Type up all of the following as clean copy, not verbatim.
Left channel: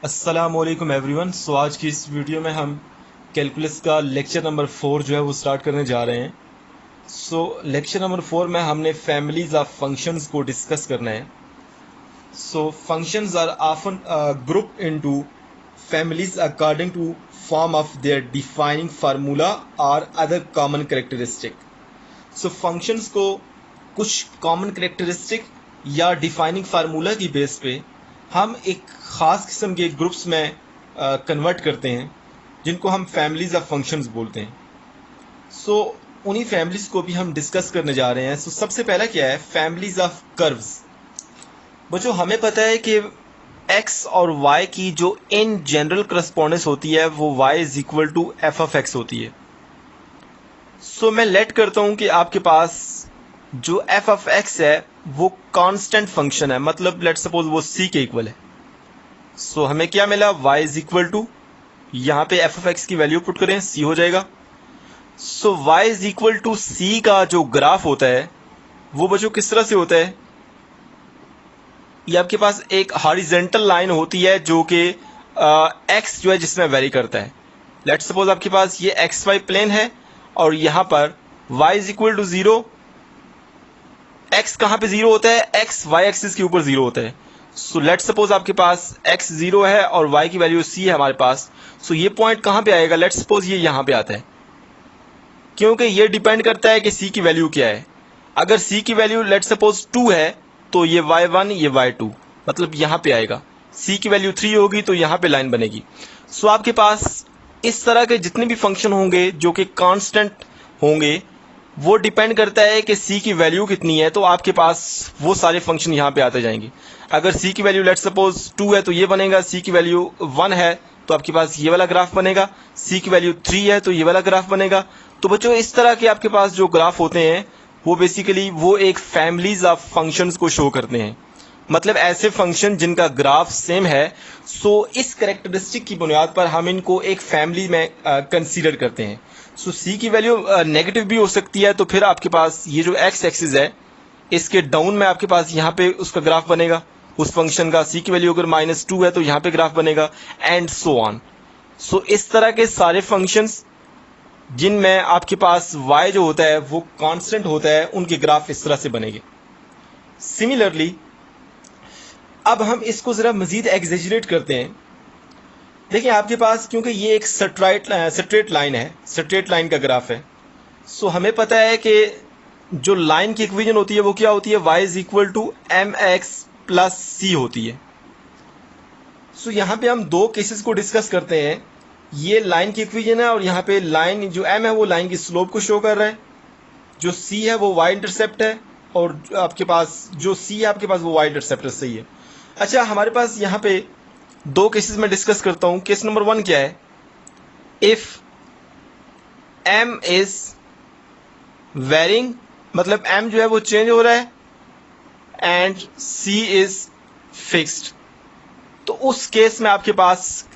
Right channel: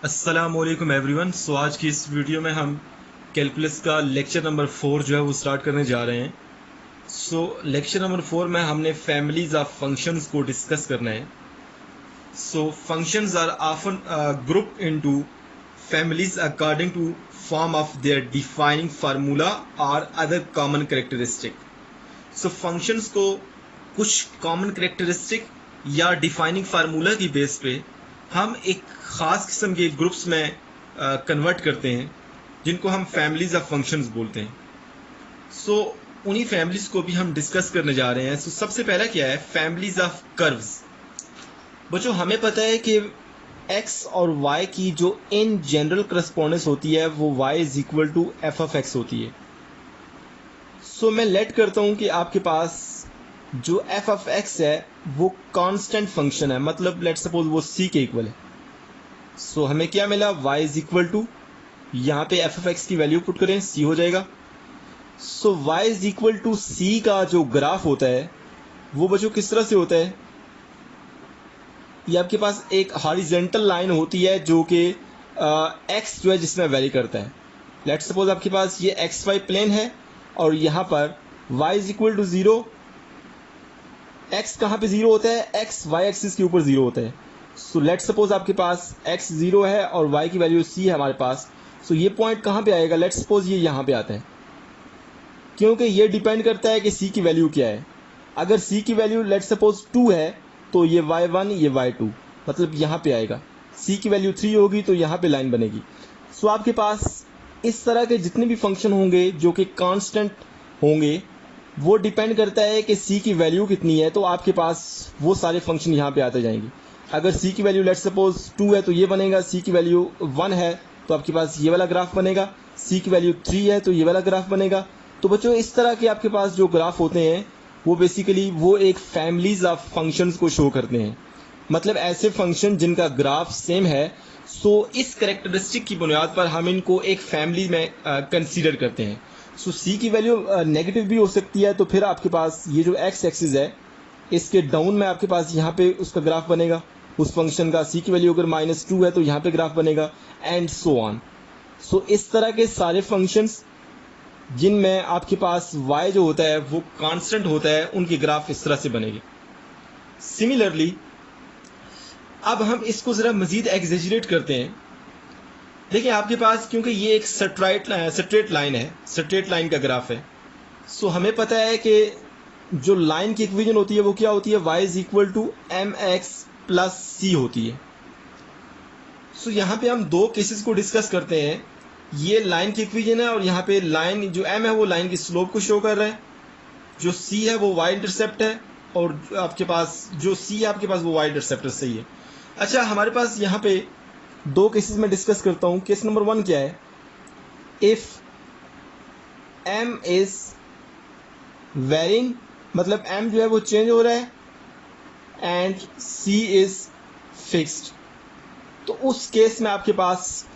अस्सलामुअलैकुम एवरीवन। आज की इस वीडियो में हम कैलकुलस का लेक्चर नंबर 4 जो है वो स्टार्ट करने जा रहे हैं। लेक्चर नंबर 4 में हमने फैमिलीज ऑफ फंक्शंस को डिस्कस करना है। Functions are often grouped into families according to form of their defining formula or other common characteristic। Functions को कुछ कॉमन करेक्टरिस्टिक या डिफाइनिंग फार्मूला की बेस पे हम एक ख़ास किस्म के ग्रुप्स में कन्वर्ट करते हैं, जिनको हम फैमिलीज ऑफ फंक्शंस बोलते हैं। उन्हीं फैमिलीज को भी हम डिस्कस करने जा रहे हैं। सबसे पहला क्या है, फैमिलीज ऑफ कर्व्स। बच्चों, हमें पता है कि x और y की जो इन जनरल करस्पॉन्डेंस होती है वो y is equal to F of X होती है। मैं लेट करता हूं कि आपके पास जो एफ ऑफ एक्स है वो कांस्टेंट फंक्शन है, मतलब लेट सपोज वो c के इक्वल है। हमें क्या मिला, y इज इक्वल टू, यहाँ पे एफ ऑफ एक्स की वैल्यू पुट करें, c हो जाएगा। y is equal to c का जो ग्राफ होता है वो बच्चों किस तरह से होता है, ये आपके पास एक हॉरिजेंटल लाइन होती है जो कि x जो है जिसमें वेरी करता है। लेट सपोज आपके पास ये एक्स वाई प्लेन है और यहाँ पर y is equal to 0। x कहाँ पे 0 होता है, x y एक्सिस के ऊपर 0 होता है। लेट सपोज आपके पास x 0 है और y की वैल्यू c है हमारे पास। ये पॉइंट कहाँ पे आएगा, लेट सपोज ये यहाँ पे आता है, क्योंकि ये डिपेंड करता है कि c की वैल्यू क्या है। अगर c की वैल्यू लेट सपोज 2 है तो ये y1 ये y2 मतलब यहाँ पे आएगा। c की वैल्यू 3 होगी तो यहाँ पे लाइन बनेगी। आपके पास इस तरह के जितने भी फंक्शन होंगे जो कि कांस्टेंट होंगे, वो डिपेंड करता है कि c की वैल्यू कितनी है, तो आपके पास वो सारे फंक्शन यहाँ पे आते जाएंगे। अगर c की वैल्यू लेट सपोज 2 है तो ये बनेगा, c की वैल्यू 1 है तो आपके पास ये वाला ग्राफ बनेगा, c की वैल्यू 3 है तो ये वाला ग्राफ बनेगा। तो बच्चों, इस तरह के आपके पास जो ग्राफ होते हैं वो बेसिकली वो एक फैमिलीज ऑफ फंक्शंस को शो करते हैं, मतलब ऐसे फंक्शन जिनका ग्राफ सेम है। इस कैरेक्टरिस्टिक की बुनियाद पर हम इनको एक फैमिली में कंसीडर करते हैं। c की वैल्यू नेगेटिव भी हो सकती है, तो फिर आपके पास ये जो x एक्सिस है इसके डाउन में आपके पास यहाँ पे उसका ग्राफ बनेगा उस फंक्शन का। c की वैल्यू अगर -2 है तो यहाँ पे ग्राफ बनेगा एंड सो ऑन। इस तरह के सारे फंक्शंस जिनमें आपके पास y जो होता है वो कांस्टेंट होता है, उनके ग्राफ इस तरह से बनेंगे। सिमिलरली अब हम इसको जरा मजीद एग्जेजरेट करते हैं। देखिए आपके पास, क्योंकि ये एक स्ट्रेट लाइन है, स्ट्रेट लाइन का ग्राफ है, हमें पता है कि जो लाइन की इक्वेशन होती है वो क्या होती है, y is equal to m x plus c होती है। यहाँ पे हम दो केसेस को डिस्कस करते हैं। ये लाइन की इक्वेशन है और यहाँ पे लाइन जो m है वो लाइन की स्लोप को शो कर रहा है, जो c है वो y इंटरसेप्ट है, और आपके पास जो c है आपके पास वो y इंटरसेप्ट सही है। अच्छा, हमारे पास यहाँ पे दो केसेस में डिस्कस करता हूँ। केस नंबर 1 क्या है, इफ m इज वेरिंग, मतलब m जो है वो चेंज हो रहा है, एंड c इज फिक्स्ड, तो उस केस में आपके पास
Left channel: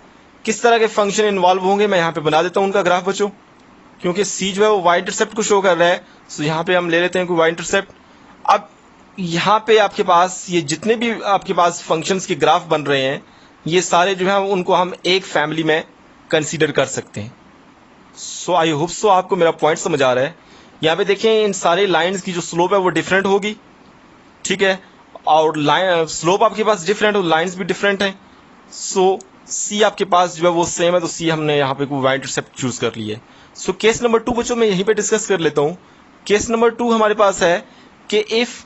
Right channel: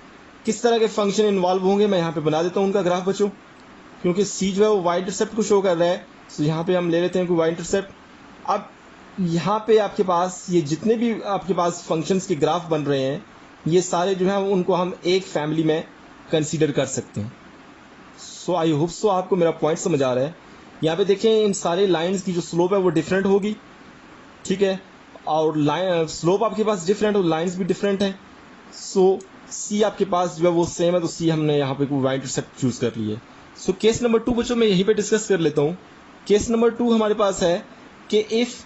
किस तरह के फंक्शन इन्वॉल्व होंगे, मैं यहाँ पे बना देता हूँ उनका ग्राफ बच्चों। क्योंकि c जो है वो y इंटरसेप्ट को शो कर रहा है, यहाँ पे हम ले लेते हैं कोई y इंटरसेप्ट। अब यहाँ पे आपके पास ये जितने भी आपके पास फंक्शंस के ग्राफ बन रहे हैं, ये सारे जो है उनको हम एक फैमिली में कंसीडर कर सकते हैं। आई होप सो आपको मेरा पॉइंट समझ आ रहा है। यहाँ पे देखें, इन सारे लाइंस की जो स्लोप है वो डिफरेंट होगी, ठीक है, और लाइन स्लोप आपके पास डिफरेंट और लाइंस भी डिफरेंट हैं। सी आपके पास जो है वो सेम है, तो सी हमने यहाँ पे वाई इंटरसेप्ट चूज कर लिया है। केस नंबर 2 बच्चों मैं यहीं पे डिस्कस कर लेता हूँ। केस नंबर 2 हमारे पास है कि इफ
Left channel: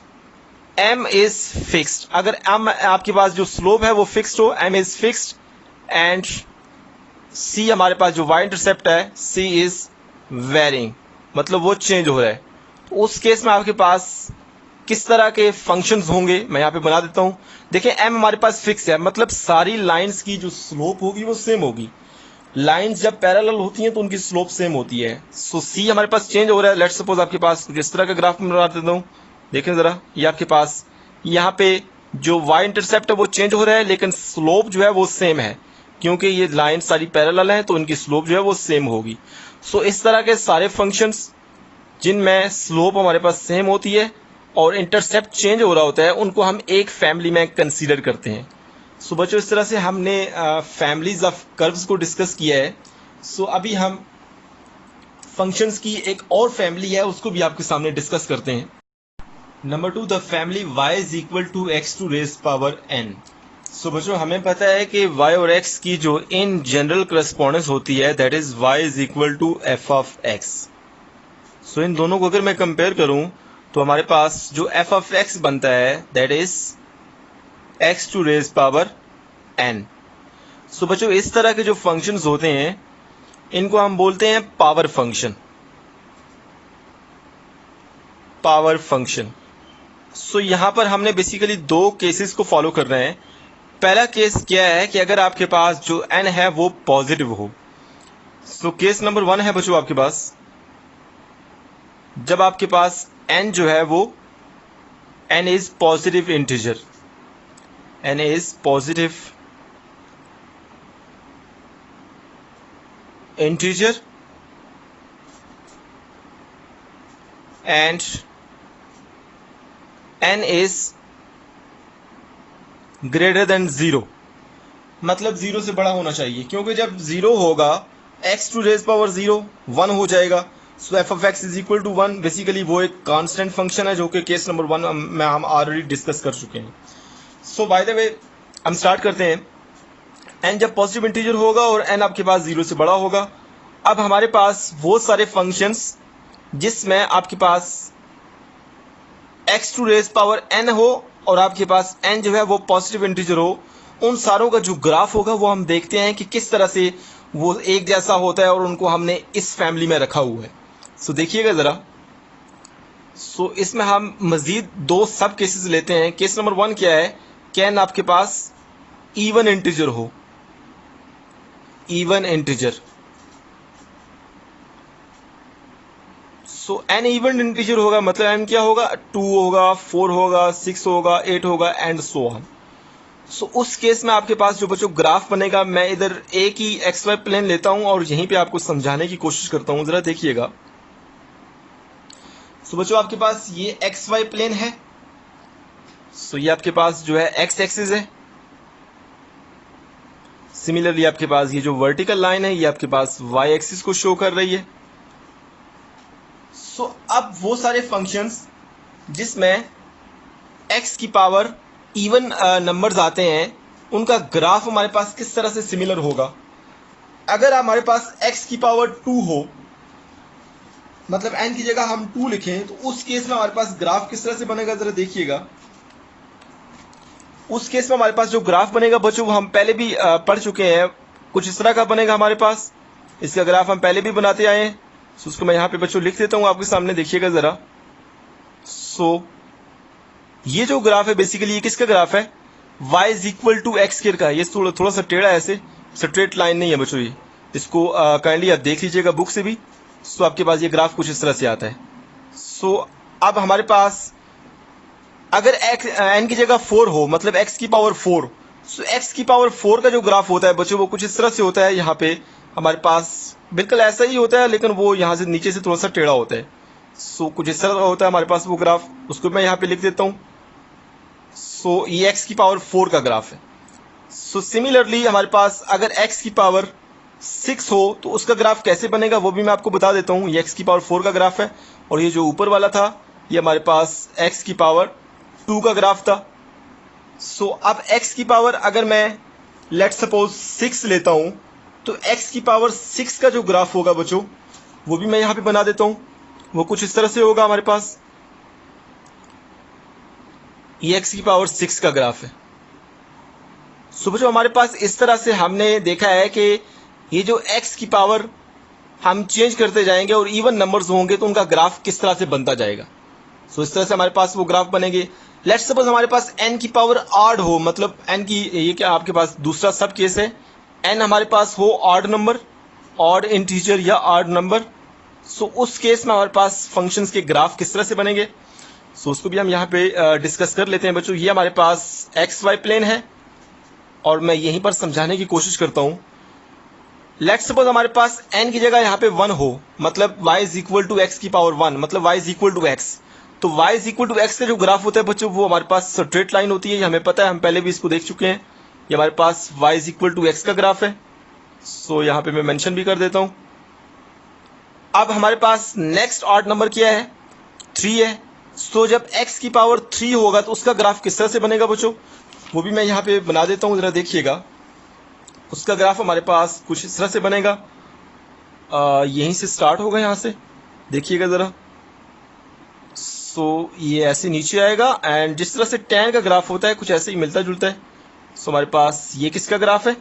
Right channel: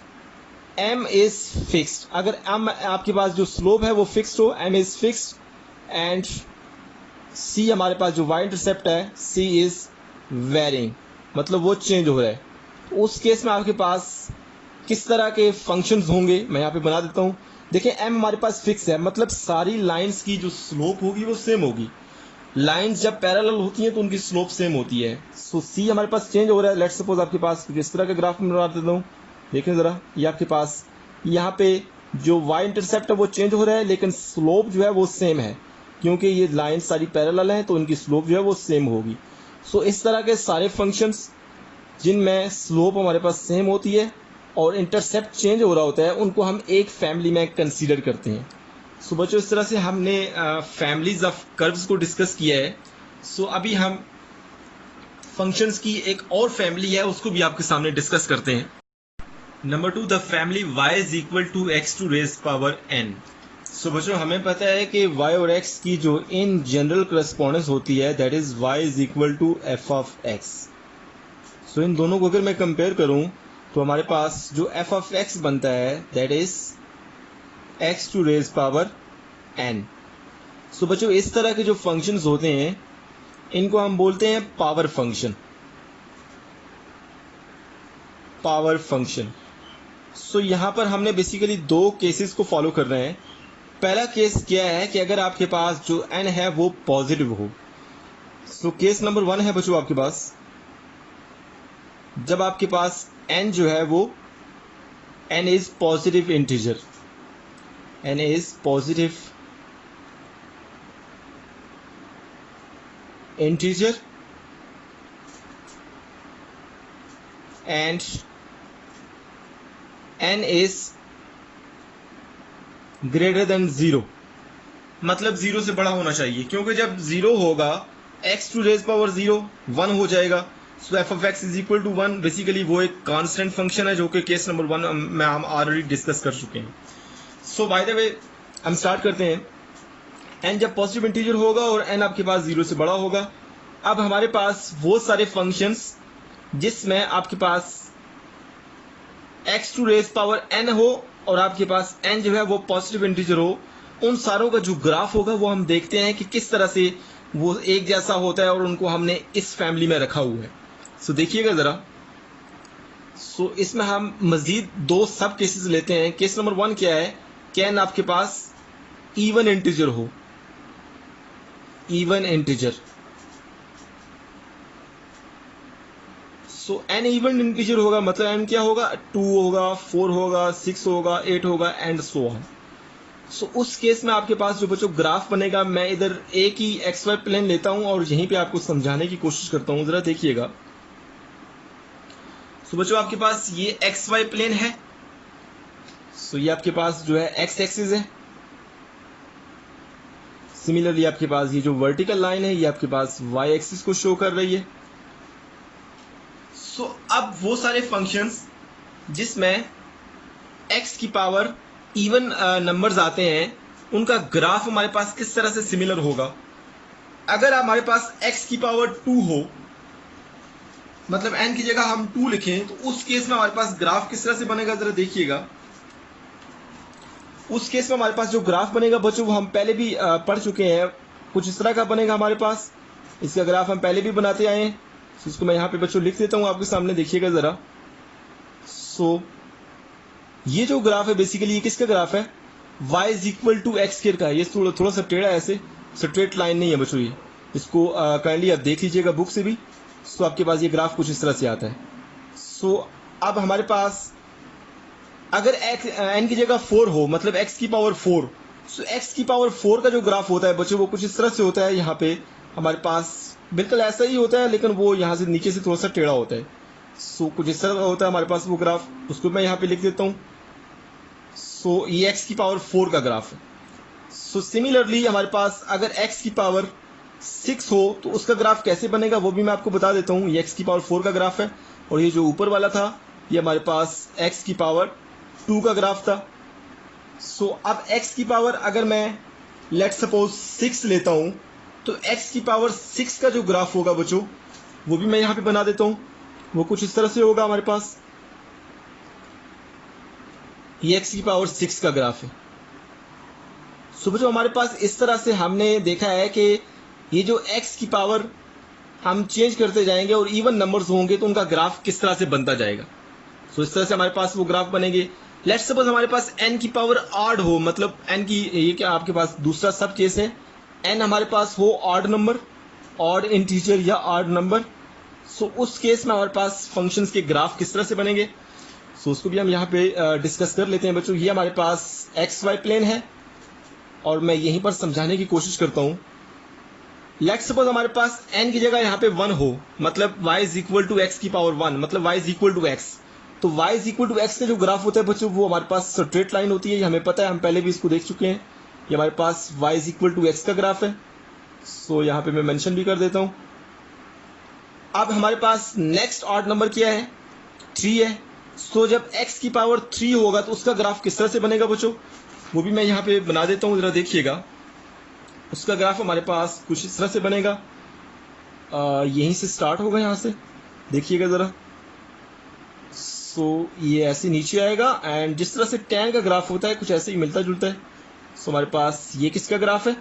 m इज फिक्स्ड, अगर m आपके पास जो स्लोप है वो फिक्स्ड हो, m is fixed, and c हमारे पास जो y इंटरसेप्ट है c इज वेरिंग, मतलब वो चेंज हो रहा है। उस केस में आपके पास किस तरह के फंक्शंस होंगे, मैं यहाँ पे बना देता हूँ। देखिए m हमारे पास फिक्स है, मतलब सारी लाइंस की जो स्लोप होगी वो सेम होगी। लाइंस जब पैरेलल होती हैं तो उनकी स्लोप सेम होती है। c हमारे पास चेंज हो रहा है। लेट्स सपोज आपके पास किस तरह का ग्राफ में बना देता हूँ, देखें जरा, ये आपके पास यहाँ पे जो y इंटरसेप्ट है वो चेंज हो रहा है, लेकिन स्लोप जो है वो सेम है, क्योंकि ये लाइन सारी पैरेलल है तो इनकी स्लोप जो है वो सेम होगी। इस तरह के सारे फंक्शंस जिनमें स्लोप हमारे पास सेम होती है और इंटरसेप्ट चेंज हो रहा होता है, उनको हम एक फैमिली में कंसीडर करते हैं। सो बच्चों इस तरह से हमने फैमिलीज ऑफ कर्व्स को डिस्कस किया है। सो अभी हम फंक्शंस की एक और फैमिली है उसको भी आपके सामने डिस्कस करते हैं। Number 2, the family y is equal to X to raise power n। So बच्चों हमें पता है कि y और x की जो इन जनरल करस्पॉन्डेंस होती है that is y is equal to F of x। So इन दोनों को अगर मैं कंपेयर करूं तो हमारे पास जो एफ ऑफ x बनता है that is x to raise power n। So बच्चों इस तरह के जो फंक्शंस होते हैं इनको हम बोलते हैं power function. Power function. So यहां पर हमने बेसिकली दो केसेस को फॉलो करना है। पहला केस क्या है कि अगर आपके पास जो n है वो पॉजिटिव हो। सो केस नंबर 1 है बच्चों आपके पास जब आपके पास n जो है वो n is positive integer, n is positive integer and n is greater than 0, मतलब 0 से बड़ा होना चाहिए, क्योंकि जब 0 होगा x टू रेज पावर 0 1 हो जाएगा। So f of x is equal to 1। Basically वो एक कांस्टेंट फंक्शन है जो कि केस नंबर 1 में हम ऑलरेडी डिस्कस कर चुके हैं। सो बाय द वे हम स्टार्ट करते हैं। n जब पॉजिटिव इंटीजर होगा और n आपके पास 0 से बड़ा होगा। अब हमारे पास वो सारे फंक्शंस जिसमें आपके पास x to raise power n हो और आपके पास n जो है वो पॉजिटिव इंटीजर हो, उन सारों का जो ग्राफ होगा वो हम देखते हैं कि किस तरह से वो एक जैसा होता है और उनको हमने इस फैमिली में रखा हुआ है। सो देखिएगा ज़रा। सो इसमें हम मज़ीद दो सब केसेस लेते हैं। केस नंबर 1 क्या है कि n आपके पास इवन इंटीजर हो, इवन इंटीजर। सो n इवन इंटीजर होगा मतलब n क्या होगा 2 होगा 4 होगा 6 होगा 8 होगा एंड सो ऑन। सो उस केस में आपके पास जो बच्चों ग्राफ बनेगा, मैं इधर एक ही एक्स वाई प्लेन लेता हूं और यहीं पे आपको समझाने की कोशिश करता हूं, जरा देखिएगा। सो बच्चों आपके पास ये एक्स वाई प्लेन है। सो ये आपके पास जो है एक्स एक्सिस है। सिमिलरली आपके पास ये जो वर्टिकल लाइन है ये आपके पास वाई एक्सिस को शो कर रही है। सो अब वो सारे फंक्शंस जिसमें x की पावर इवन नंबर्स आते हैं उनका ग्राफ हमारे पास किस तरह से सिमिलर होगा। अगर हमारे पास x की पावर 2 हो, मतलब n की जगह हम 2 लिखें, तो उस केस में हमारे पास ग्राफ किस तरह से बनेगा जरा देखिएगा। उस केस में हमारे पास जो ग्राफ बनेगा बच्चों वो हम पहले भी पढ़ चुके हैं, कुछ इस तरह का बनेगा हमारे पास। इसका ग्राफ हम पहले भी बनाते आए हैं। सो उसको मैं यहाँ पे बच्चों लिख देता हूँ आपके सामने, देखिएगा ज़रा। सो ये जो ग्राफ है बेसिकली ये किसका ग्राफ है, y is equal to X square का। ये थोड़ा सा टेढ़ा है, ऐसे स्ट्रेट लाइन नहीं है बच्चों ये। इसको काइंडली आप देख लीजिएगा बुक से भी। सो आपके पास ये ग्राफ कुछ इस तरह से आता है। सो अब हमारे पास अगर n की जगह 4 हो, मतलब x की पावर 4, सो x की पावर 4 का जो ग्राफ होता है बच्चों वो कुछ इस तरह से होता है। यहाँ पे हमारे पास बिल्कुल ऐसा ही होता है, लेकिन वो यहाँ से नीचे से थोड़ा सा टेढ़ा होता है। सो कुछ इस तरह का होता है हमारे पास वो ग्राफ, उसको मैं यहाँ पे लिख देता हूँ। सो ये x की पावर 4 का ग्राफ है। सो सिमिलरली हमारे पास अगर x की पावर 6 हो तो उसका ग्राफ कैसे बनेगा वो भी मैं आपको बता देता हूँ। ये x की पावर 4 का ग्राफ है और ये जो ऊपर वाला था ये हमारे पास x की पावर 2 का ग्राफ था। सो अब x की पावर अगर मैं लेट सपोज 6 लेता हूं तो x की पावर 6 का जो ग्राफ होगा बच्चों वो भी मैं यहां पे बना देता हूं। वो कुछ इस तरह से होगा हमारे पास। ये x की पावर 6 का ग्राफ है। सो बच्चों हमारे पास इस तरह से हमने देखा है कि ये जो x की पावर हम चेंज करते जाएंगे और इवन नंबर्स होंगे तो उनका ग्राफ किस तरह से बनता जाएगा। सो इस तरह से हमारे पास वो ग्राफ बनेंगे। लेट्स सपोज हमारे पास n की पावर ऑड हो, मतलब n की ये क्या आपके पास दूसरा सब केस है, n हमारे पास हो ऑड नंबर, ऑड इंटीजर या ऑड नंबर। सो उस केस में हमारे पास फंक्शंस के ग्राफ किस तरह से बनेंगे, सो उसको भी हम यहाँ पे डिस्कस कर लेते हैं बच्चों। ये हमारे पास एक्स वाई प्लेन है और मैं यहीं पर समझाने की कोशिश करता हूँ। लेट्स सपोज हमारे पास n की जगह यहाँ पे 1 हो, मतलब y is equal to X की पावर 1, मतलब y is equal to X. तो y is equal to X का जो ग्राफ होता है बच्चों वो हमारे पास स्ट्रेट लाइन होती है, ये हमें पता है, हम पहले भी इसको देख चुके हैं। ये हमारे पास y is equal to X का ग्राफ है। सो यहाँ पे मैं मेंशन भी कर देता हूँ। अब हमारे पास नेक्स्ट ऑड नंबर क्या है, 3 है। सो जब x की पावर 3 होगा तो उसका ग्राफ किस तरह से बनेगा बच्चों, वो भी मैं यहाँ पे बना देता हूँ, जरा देखिएगा। उसका ग्राफ हमारे पास कुछ इस तरह से बनेगा, यहीं से स्टार्ट होगा, यहाँ से देखिएगा ज़रा। सो ये ऐसे नीचे आएगा एंड जिस तरह से tan का ग्राफ होता है कुछ ऐसे ही मिलता जुलता है। सो हमारे पास ये किसका ग्राफ है,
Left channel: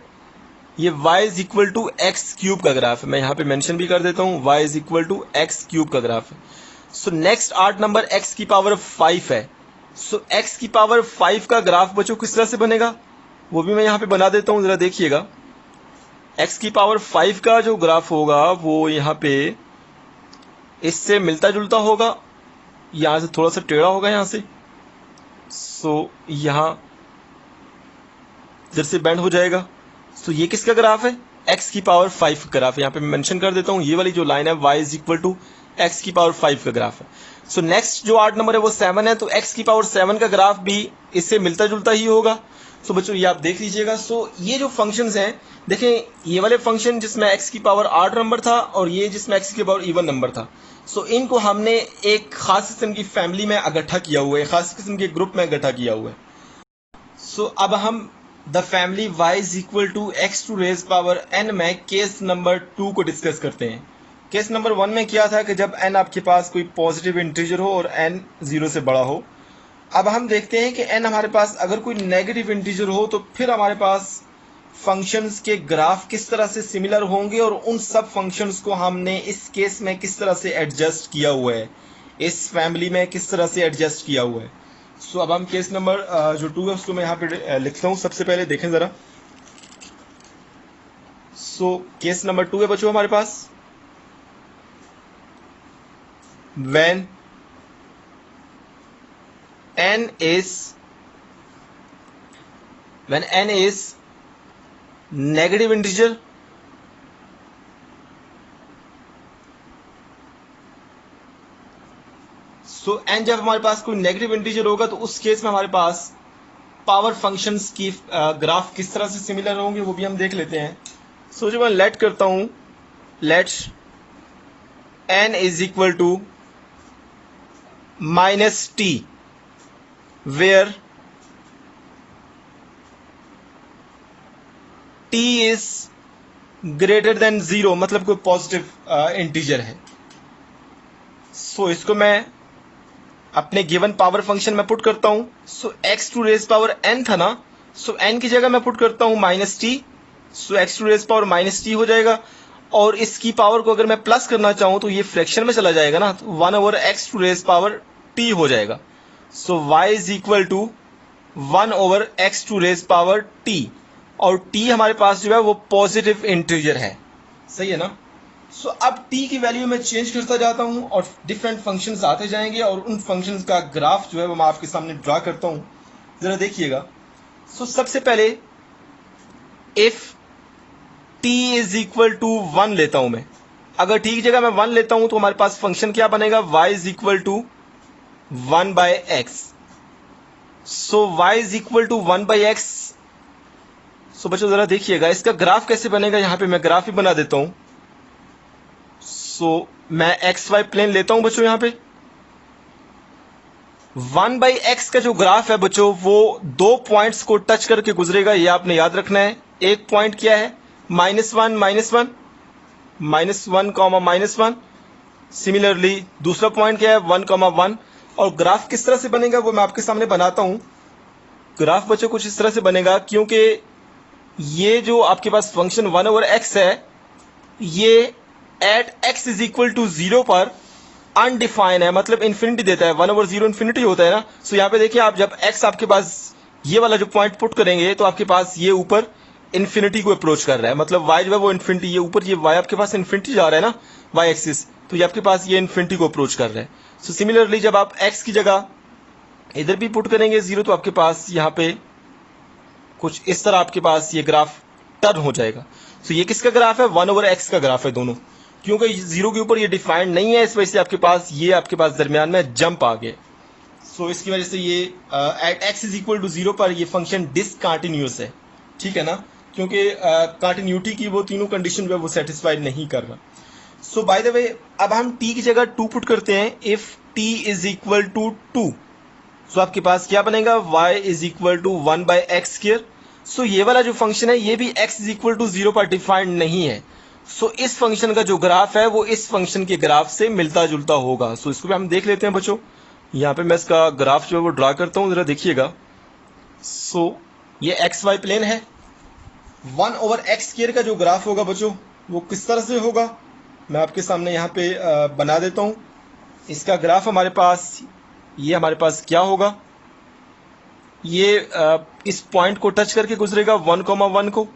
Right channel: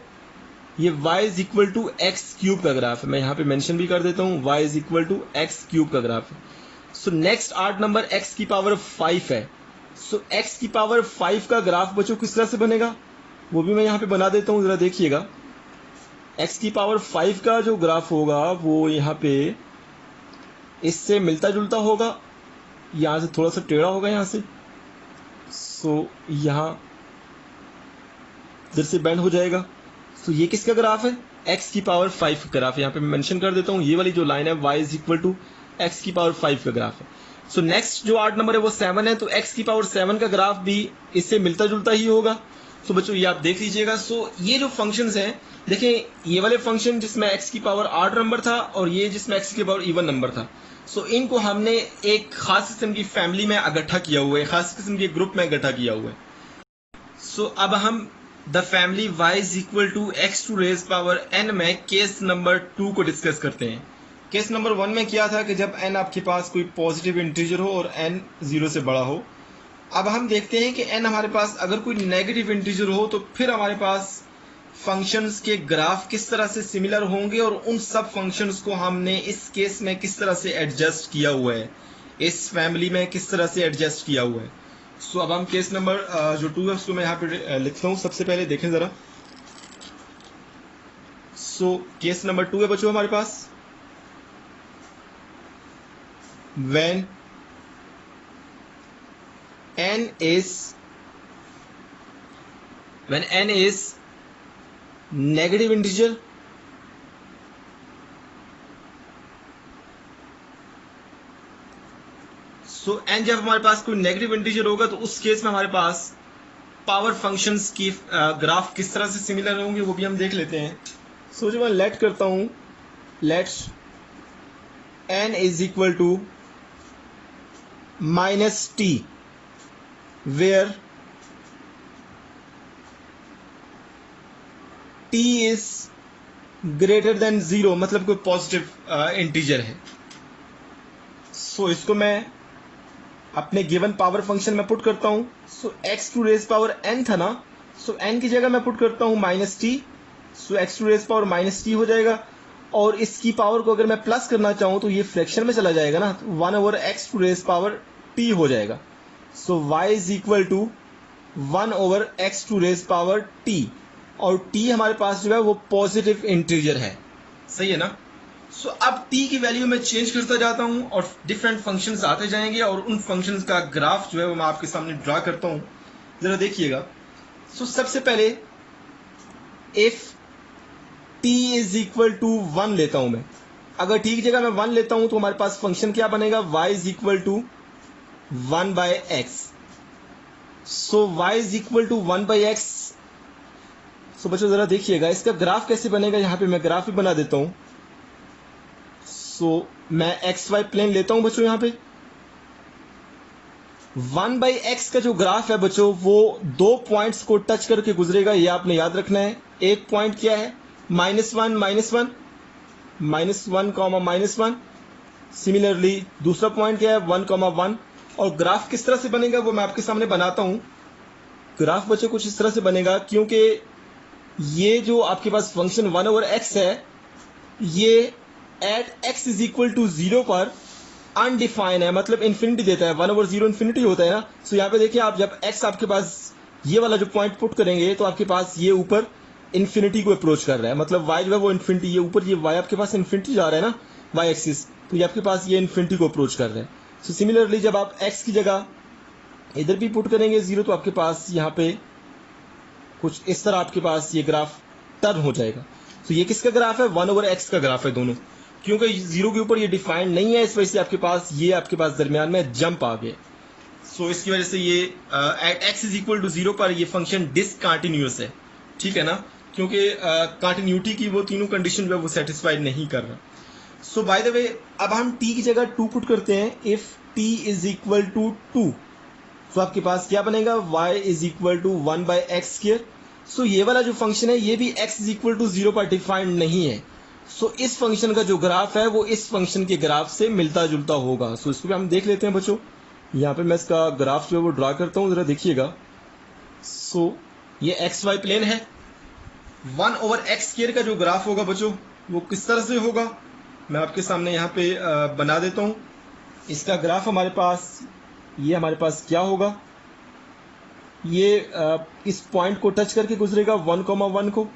ये y is equal to X cube का ग्राफ है। मैं यहाँ पे मेंशन भी कर देता हूँ, y is equal to X cube का ग्राफ है। So next odd number x की पावर 5 है। सो x की पावर 5 का ग्राफ बच्चों किस तरह से बनेगा, वो भी मैं यहाँ पे बना देता हूँ, जरा देखिएगा। x की पावर 5 का जो ग्राफ होगा वो यहाँ पे इससे मिलता जुलता होगा, यहाँ से थोड़ा सा टेढ़ा होगा यहाँ से। सो यहाँ इधर से बेंड हो जाएगा। सो ये किसका ग्राफ है, x की पावर 5 का ग्राफ है। यहाँ पे मैं मेंशन कर देता हूँ, ये वाली जो लाइन है y is equal to X की पावर 5 का ग्राफ है। सो नेक्स्ट जो ऑड नंबर है वो 7 है, तो x की पावर 7 का ग्राफ भी इससे मिलता जुलता ही होगा। सो बच्चों ये आप देख लीजिएगा। सो ये जो फंक्शंस हैं, देखें ये वाले फंक्शन जिसमें x की पावर 8 नंबर था और ये जिसमें x की पावर इवन नंबर था, सो इनको हमने एक खास किस्म की फैमिली में इकट्ठा किया हुआ है, खास किस्म के ग्रुप में इकट्ठा किया हुआ है। सो अब हम the family y is equal to X to raise power n में केस नंबर 2 को डिस्कस करते हैं। केस नंबर 1 में क्या था कि जब n आपके पास कोई पॉजिटिव इंटीजर हो और n 0 से बड़ा हो। अब हम देखते हैं कि n हमारे पास अगर कोई नेगेटिव इंटीजर हो तो फिर हमारे पास फंक्शंस के ग्राफ किस तरह से सिमिलर होंगे और उन सब फंक्शंस को हमने इस केस में किस तरह से एडजस्ट किया हुआ है, इस फैमिली में किस तरह से एडजस्ट किया हुआ है। सो अब हम केस नंबर जो 2 है उसको मैं यहाँ पे लिखता हूँ। सबसे पहले देखें ज़रा। सो केस नंबर 2 है बच्चों हमारे पास, when n is negative integer so n जब हमारे पास कोई नेगेटिव इंटीजर होगा तो उस केस में हमारे पास पावर फंक्शंस की ग्राफ किस तरह से सिमिलर होंगे वो भी हम देख लेते हैं। सो जब मैं लेट करता हूं, let n is equal to minus T where t is greater than 0, मतलब कोई पॉजिटिव इंटीजर है। सो इसको मैं अपने गिवन पावर फंक्शन में पुट करता हूं। So x to raise power n था ना, सो n की जगह मैं पुट करता हूं minus T. So x to raise power minus T हो जाएगा और इसकी पावर को अगर मैं प्लस करना चाहूं तो ये फ्रैक्शन में चला जाएगा ना, तो 1 over X to raise power t हो जाएगा। So y is equal to 1 over X to raise power t और t हमारे पास जो है वो पॉजिटिव इंटीजर है, सही है ना। सो अब t की वैल्यू में चेंज करता जाता हूं और डिफरेंट फंक्शंस आते जाएंगे और उन फंक्शंस का ग्राफ जो है वो मैं आपके सामने ड्रा करता हूं, जरा देखिएगा। सो सबसे पहले if t is equal to 1 लेता हूं मैं, अगर t की जगह मैं 1 लेता हूं तो हमारे पास फंक्शन क्या बनेगा, y is equal to 1 by x. So y is equal to 1 by x. So बच्चों जरा देखिएगा इसका ग्राफ कैसे बनेगा, यहां पे मैं ग्राफ ही बना देता हूं। सो मैं एक्स वाई प्लेन लेता हूं बच्चों, यहां पे 1 बाई एक्स का जो ग्राफ है बच्चों वो 2 पॉइंट्स को टच करके गुजरेगा, ये आपने याद रखना है। एक पॉइंट क्या है, -1 -1 -1 कॉमा -1। सिमिलरली दूसरा पॉइंट क्या है, 1 1। और ग्राफ किस तरह से बनेगा वो मैं आपके सामने बनाता हूं। ग्राफ बच्चों कुछ इस तरह से बनेगा, क्योंकि ये जो आपके पास फंक्शन 1 ओवर एक्स है ये at x is equal to 0 पर अनडिफाइन है, मतलब इन्फिनिटी देता है। 1 ओवर 0 इन्फिनिटी होता है ना। सो यहाँ पे देखिए आप जब x आपके पास ये वाला जो पॉइंट पुट करेंगे तो आपके पास ये ऊपर इन्फिनिटी को अप्रोच कर रहा है, मतलब y जो है वो इन्फिनिटी, ये ऊपर ये y आपके पास इन्फिनिटी जा रहा है ना y एक्सिस, तो ये आपके पास ये इन्फिनिटी को अप्रोच कर रहा है। सो सिमिलरली जब आप x की जगह इधर भी पुट करेंगे 0 तो आपके पास यहाँ पे कुछ इस तरह आपके पास ये ग्राफ टर्न हो जाएगा। सो ये किसका ग्राफ है, 1 ओवर x का ग्राफ है दोनों, क्योंकि 0 के ऊपर ये डिफाइंड नहीं है, इस वजह से आपके पास दरमियान में जंप आ गया। सो इसकी वजह से ये x इज इक्वल टू 0 पर ये फंक्शन डिसकंटिन्यूअस है, ठीक है ना, क्योंकि कंटिन्यूटी की वो तीनों कंडीशन जो है वो सेटिस्फाई नहीं कर रहा। सो बाय द वे अब हम t की जगह 2 पुट करते हैं। If t is equal to 2, so आपके पास क्या बनेगा, y is equal to 1 by x square. सो ये वाला जो फंक्शन है ये भी x इज इक्वल टू 0 पर डिफाइंड नहीं है। सो इस फंक्शन का जो ग्राफ है वो इस फंक्शन के ग्राफ से मिलता जुलता होगा। सो इसको भी हम देख लेते हैं बच्चों। यहाँ पे मैं इसका ग्राफ जो है वो ड्रा करता हूँ, जरा देखिएगा। सो ये एक्स वाई प्लेन है। 1 ओवर एक्स स्क्र का जो ग्राफ होगा बच्चों वो किस तरह से होगा, मैं आपके सामने यहाँ पे बना देता हूँ। इसका ग्राफ हमारे पास, ये हमारे पास क्या होगा, ये इस पॉइंट को टच करके गुजरेगा 1,1 को।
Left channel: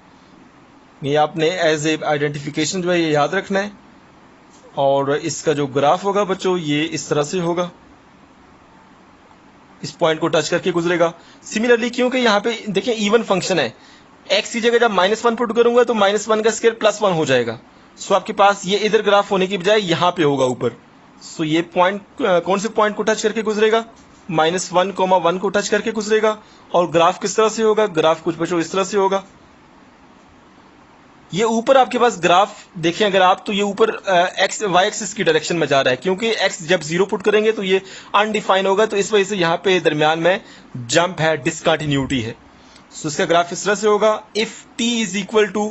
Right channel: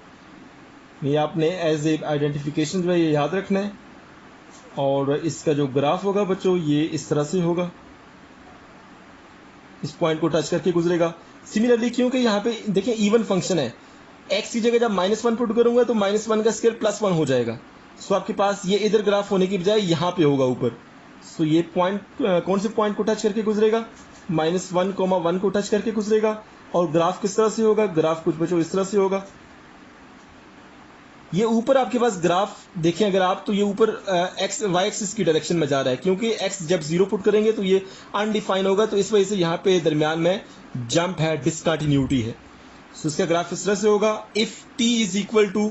ये आपने एज ए आइडेंटिफिकेशन जो है ये याद रखना है। और इसका जो ग्राफ होगा बच्चों ये इस तरह से होगा, इस पॉइंट को टच करके गुजरेगा। सिमिलरली क्योंकि यहाँ पे देखिए इवन फंक्शन है, एक्स की जगह जब -1 पुट करूंगा तो -1 का स्क्वायर +1 हो जाएगा। सो आपके पास ये इधर ग्राफ होने की बजाय यहाँ पे होगा ऊपर। सो ये पॉइंट कौन से पॉइंट को टच करके गुजरेगा, -1,1 को टच करके गुजरेगा। और ग्राफ किस तरह से होगा, ग्राफ कुछ बच्चों इस तरह से होगा। ये ऊपर आपके पास ग्राफ देखें अगर आप, तो ये ऊपर एक्स वाई एक्सिस की डायरेक्शन में जा रहा है, क्योंकि एक्स जब 0 पुट करेंगे तो ये अनडिफाइन होगा, तो इस वजह से यहाँ पे दरमियान में जंप है, डिसकंटिन्यूटी है। सो इसका ग्राफ इस तरह से होगा। If t is equal to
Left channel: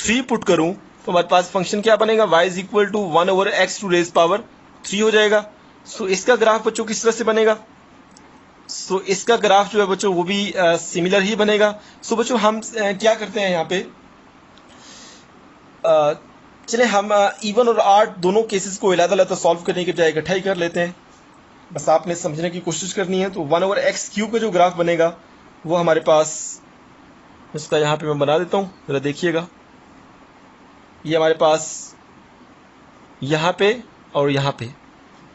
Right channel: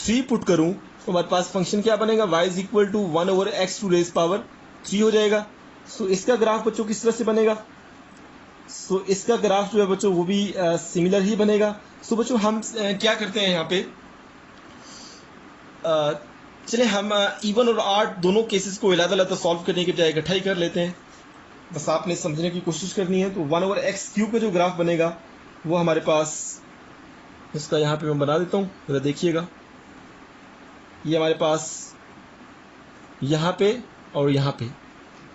3 put करूं तो हमारे पास फंक्शन क्या बनेगा, y is equal to 1 over X to raise power 3 हो जाएगा। सो इसका ग्राफ बच्चों किस तरह से बनेगा, सो इसका ग्राफ जो है बच्चों वो भी सिमिलर ही बनेगा। सो बच्चों हम क्या करते हैं यहाँ पे, चले हम इवन और आर्ट दोनों केसेस को अलग-अलग सॉल्व करने के बजाय इकट्ठा ही कर लेते हैं। बस आपने समझने की कोशिश करनी है। तो 1 ओवर एक्स क्यूब का जो ग्राफ बनेगा वो हमारे पास, उसका यहाँ पे मैं बना देता हूँ, जरा देखिएगा। ये हमारे पास यहाँ पे और यहाँ पे,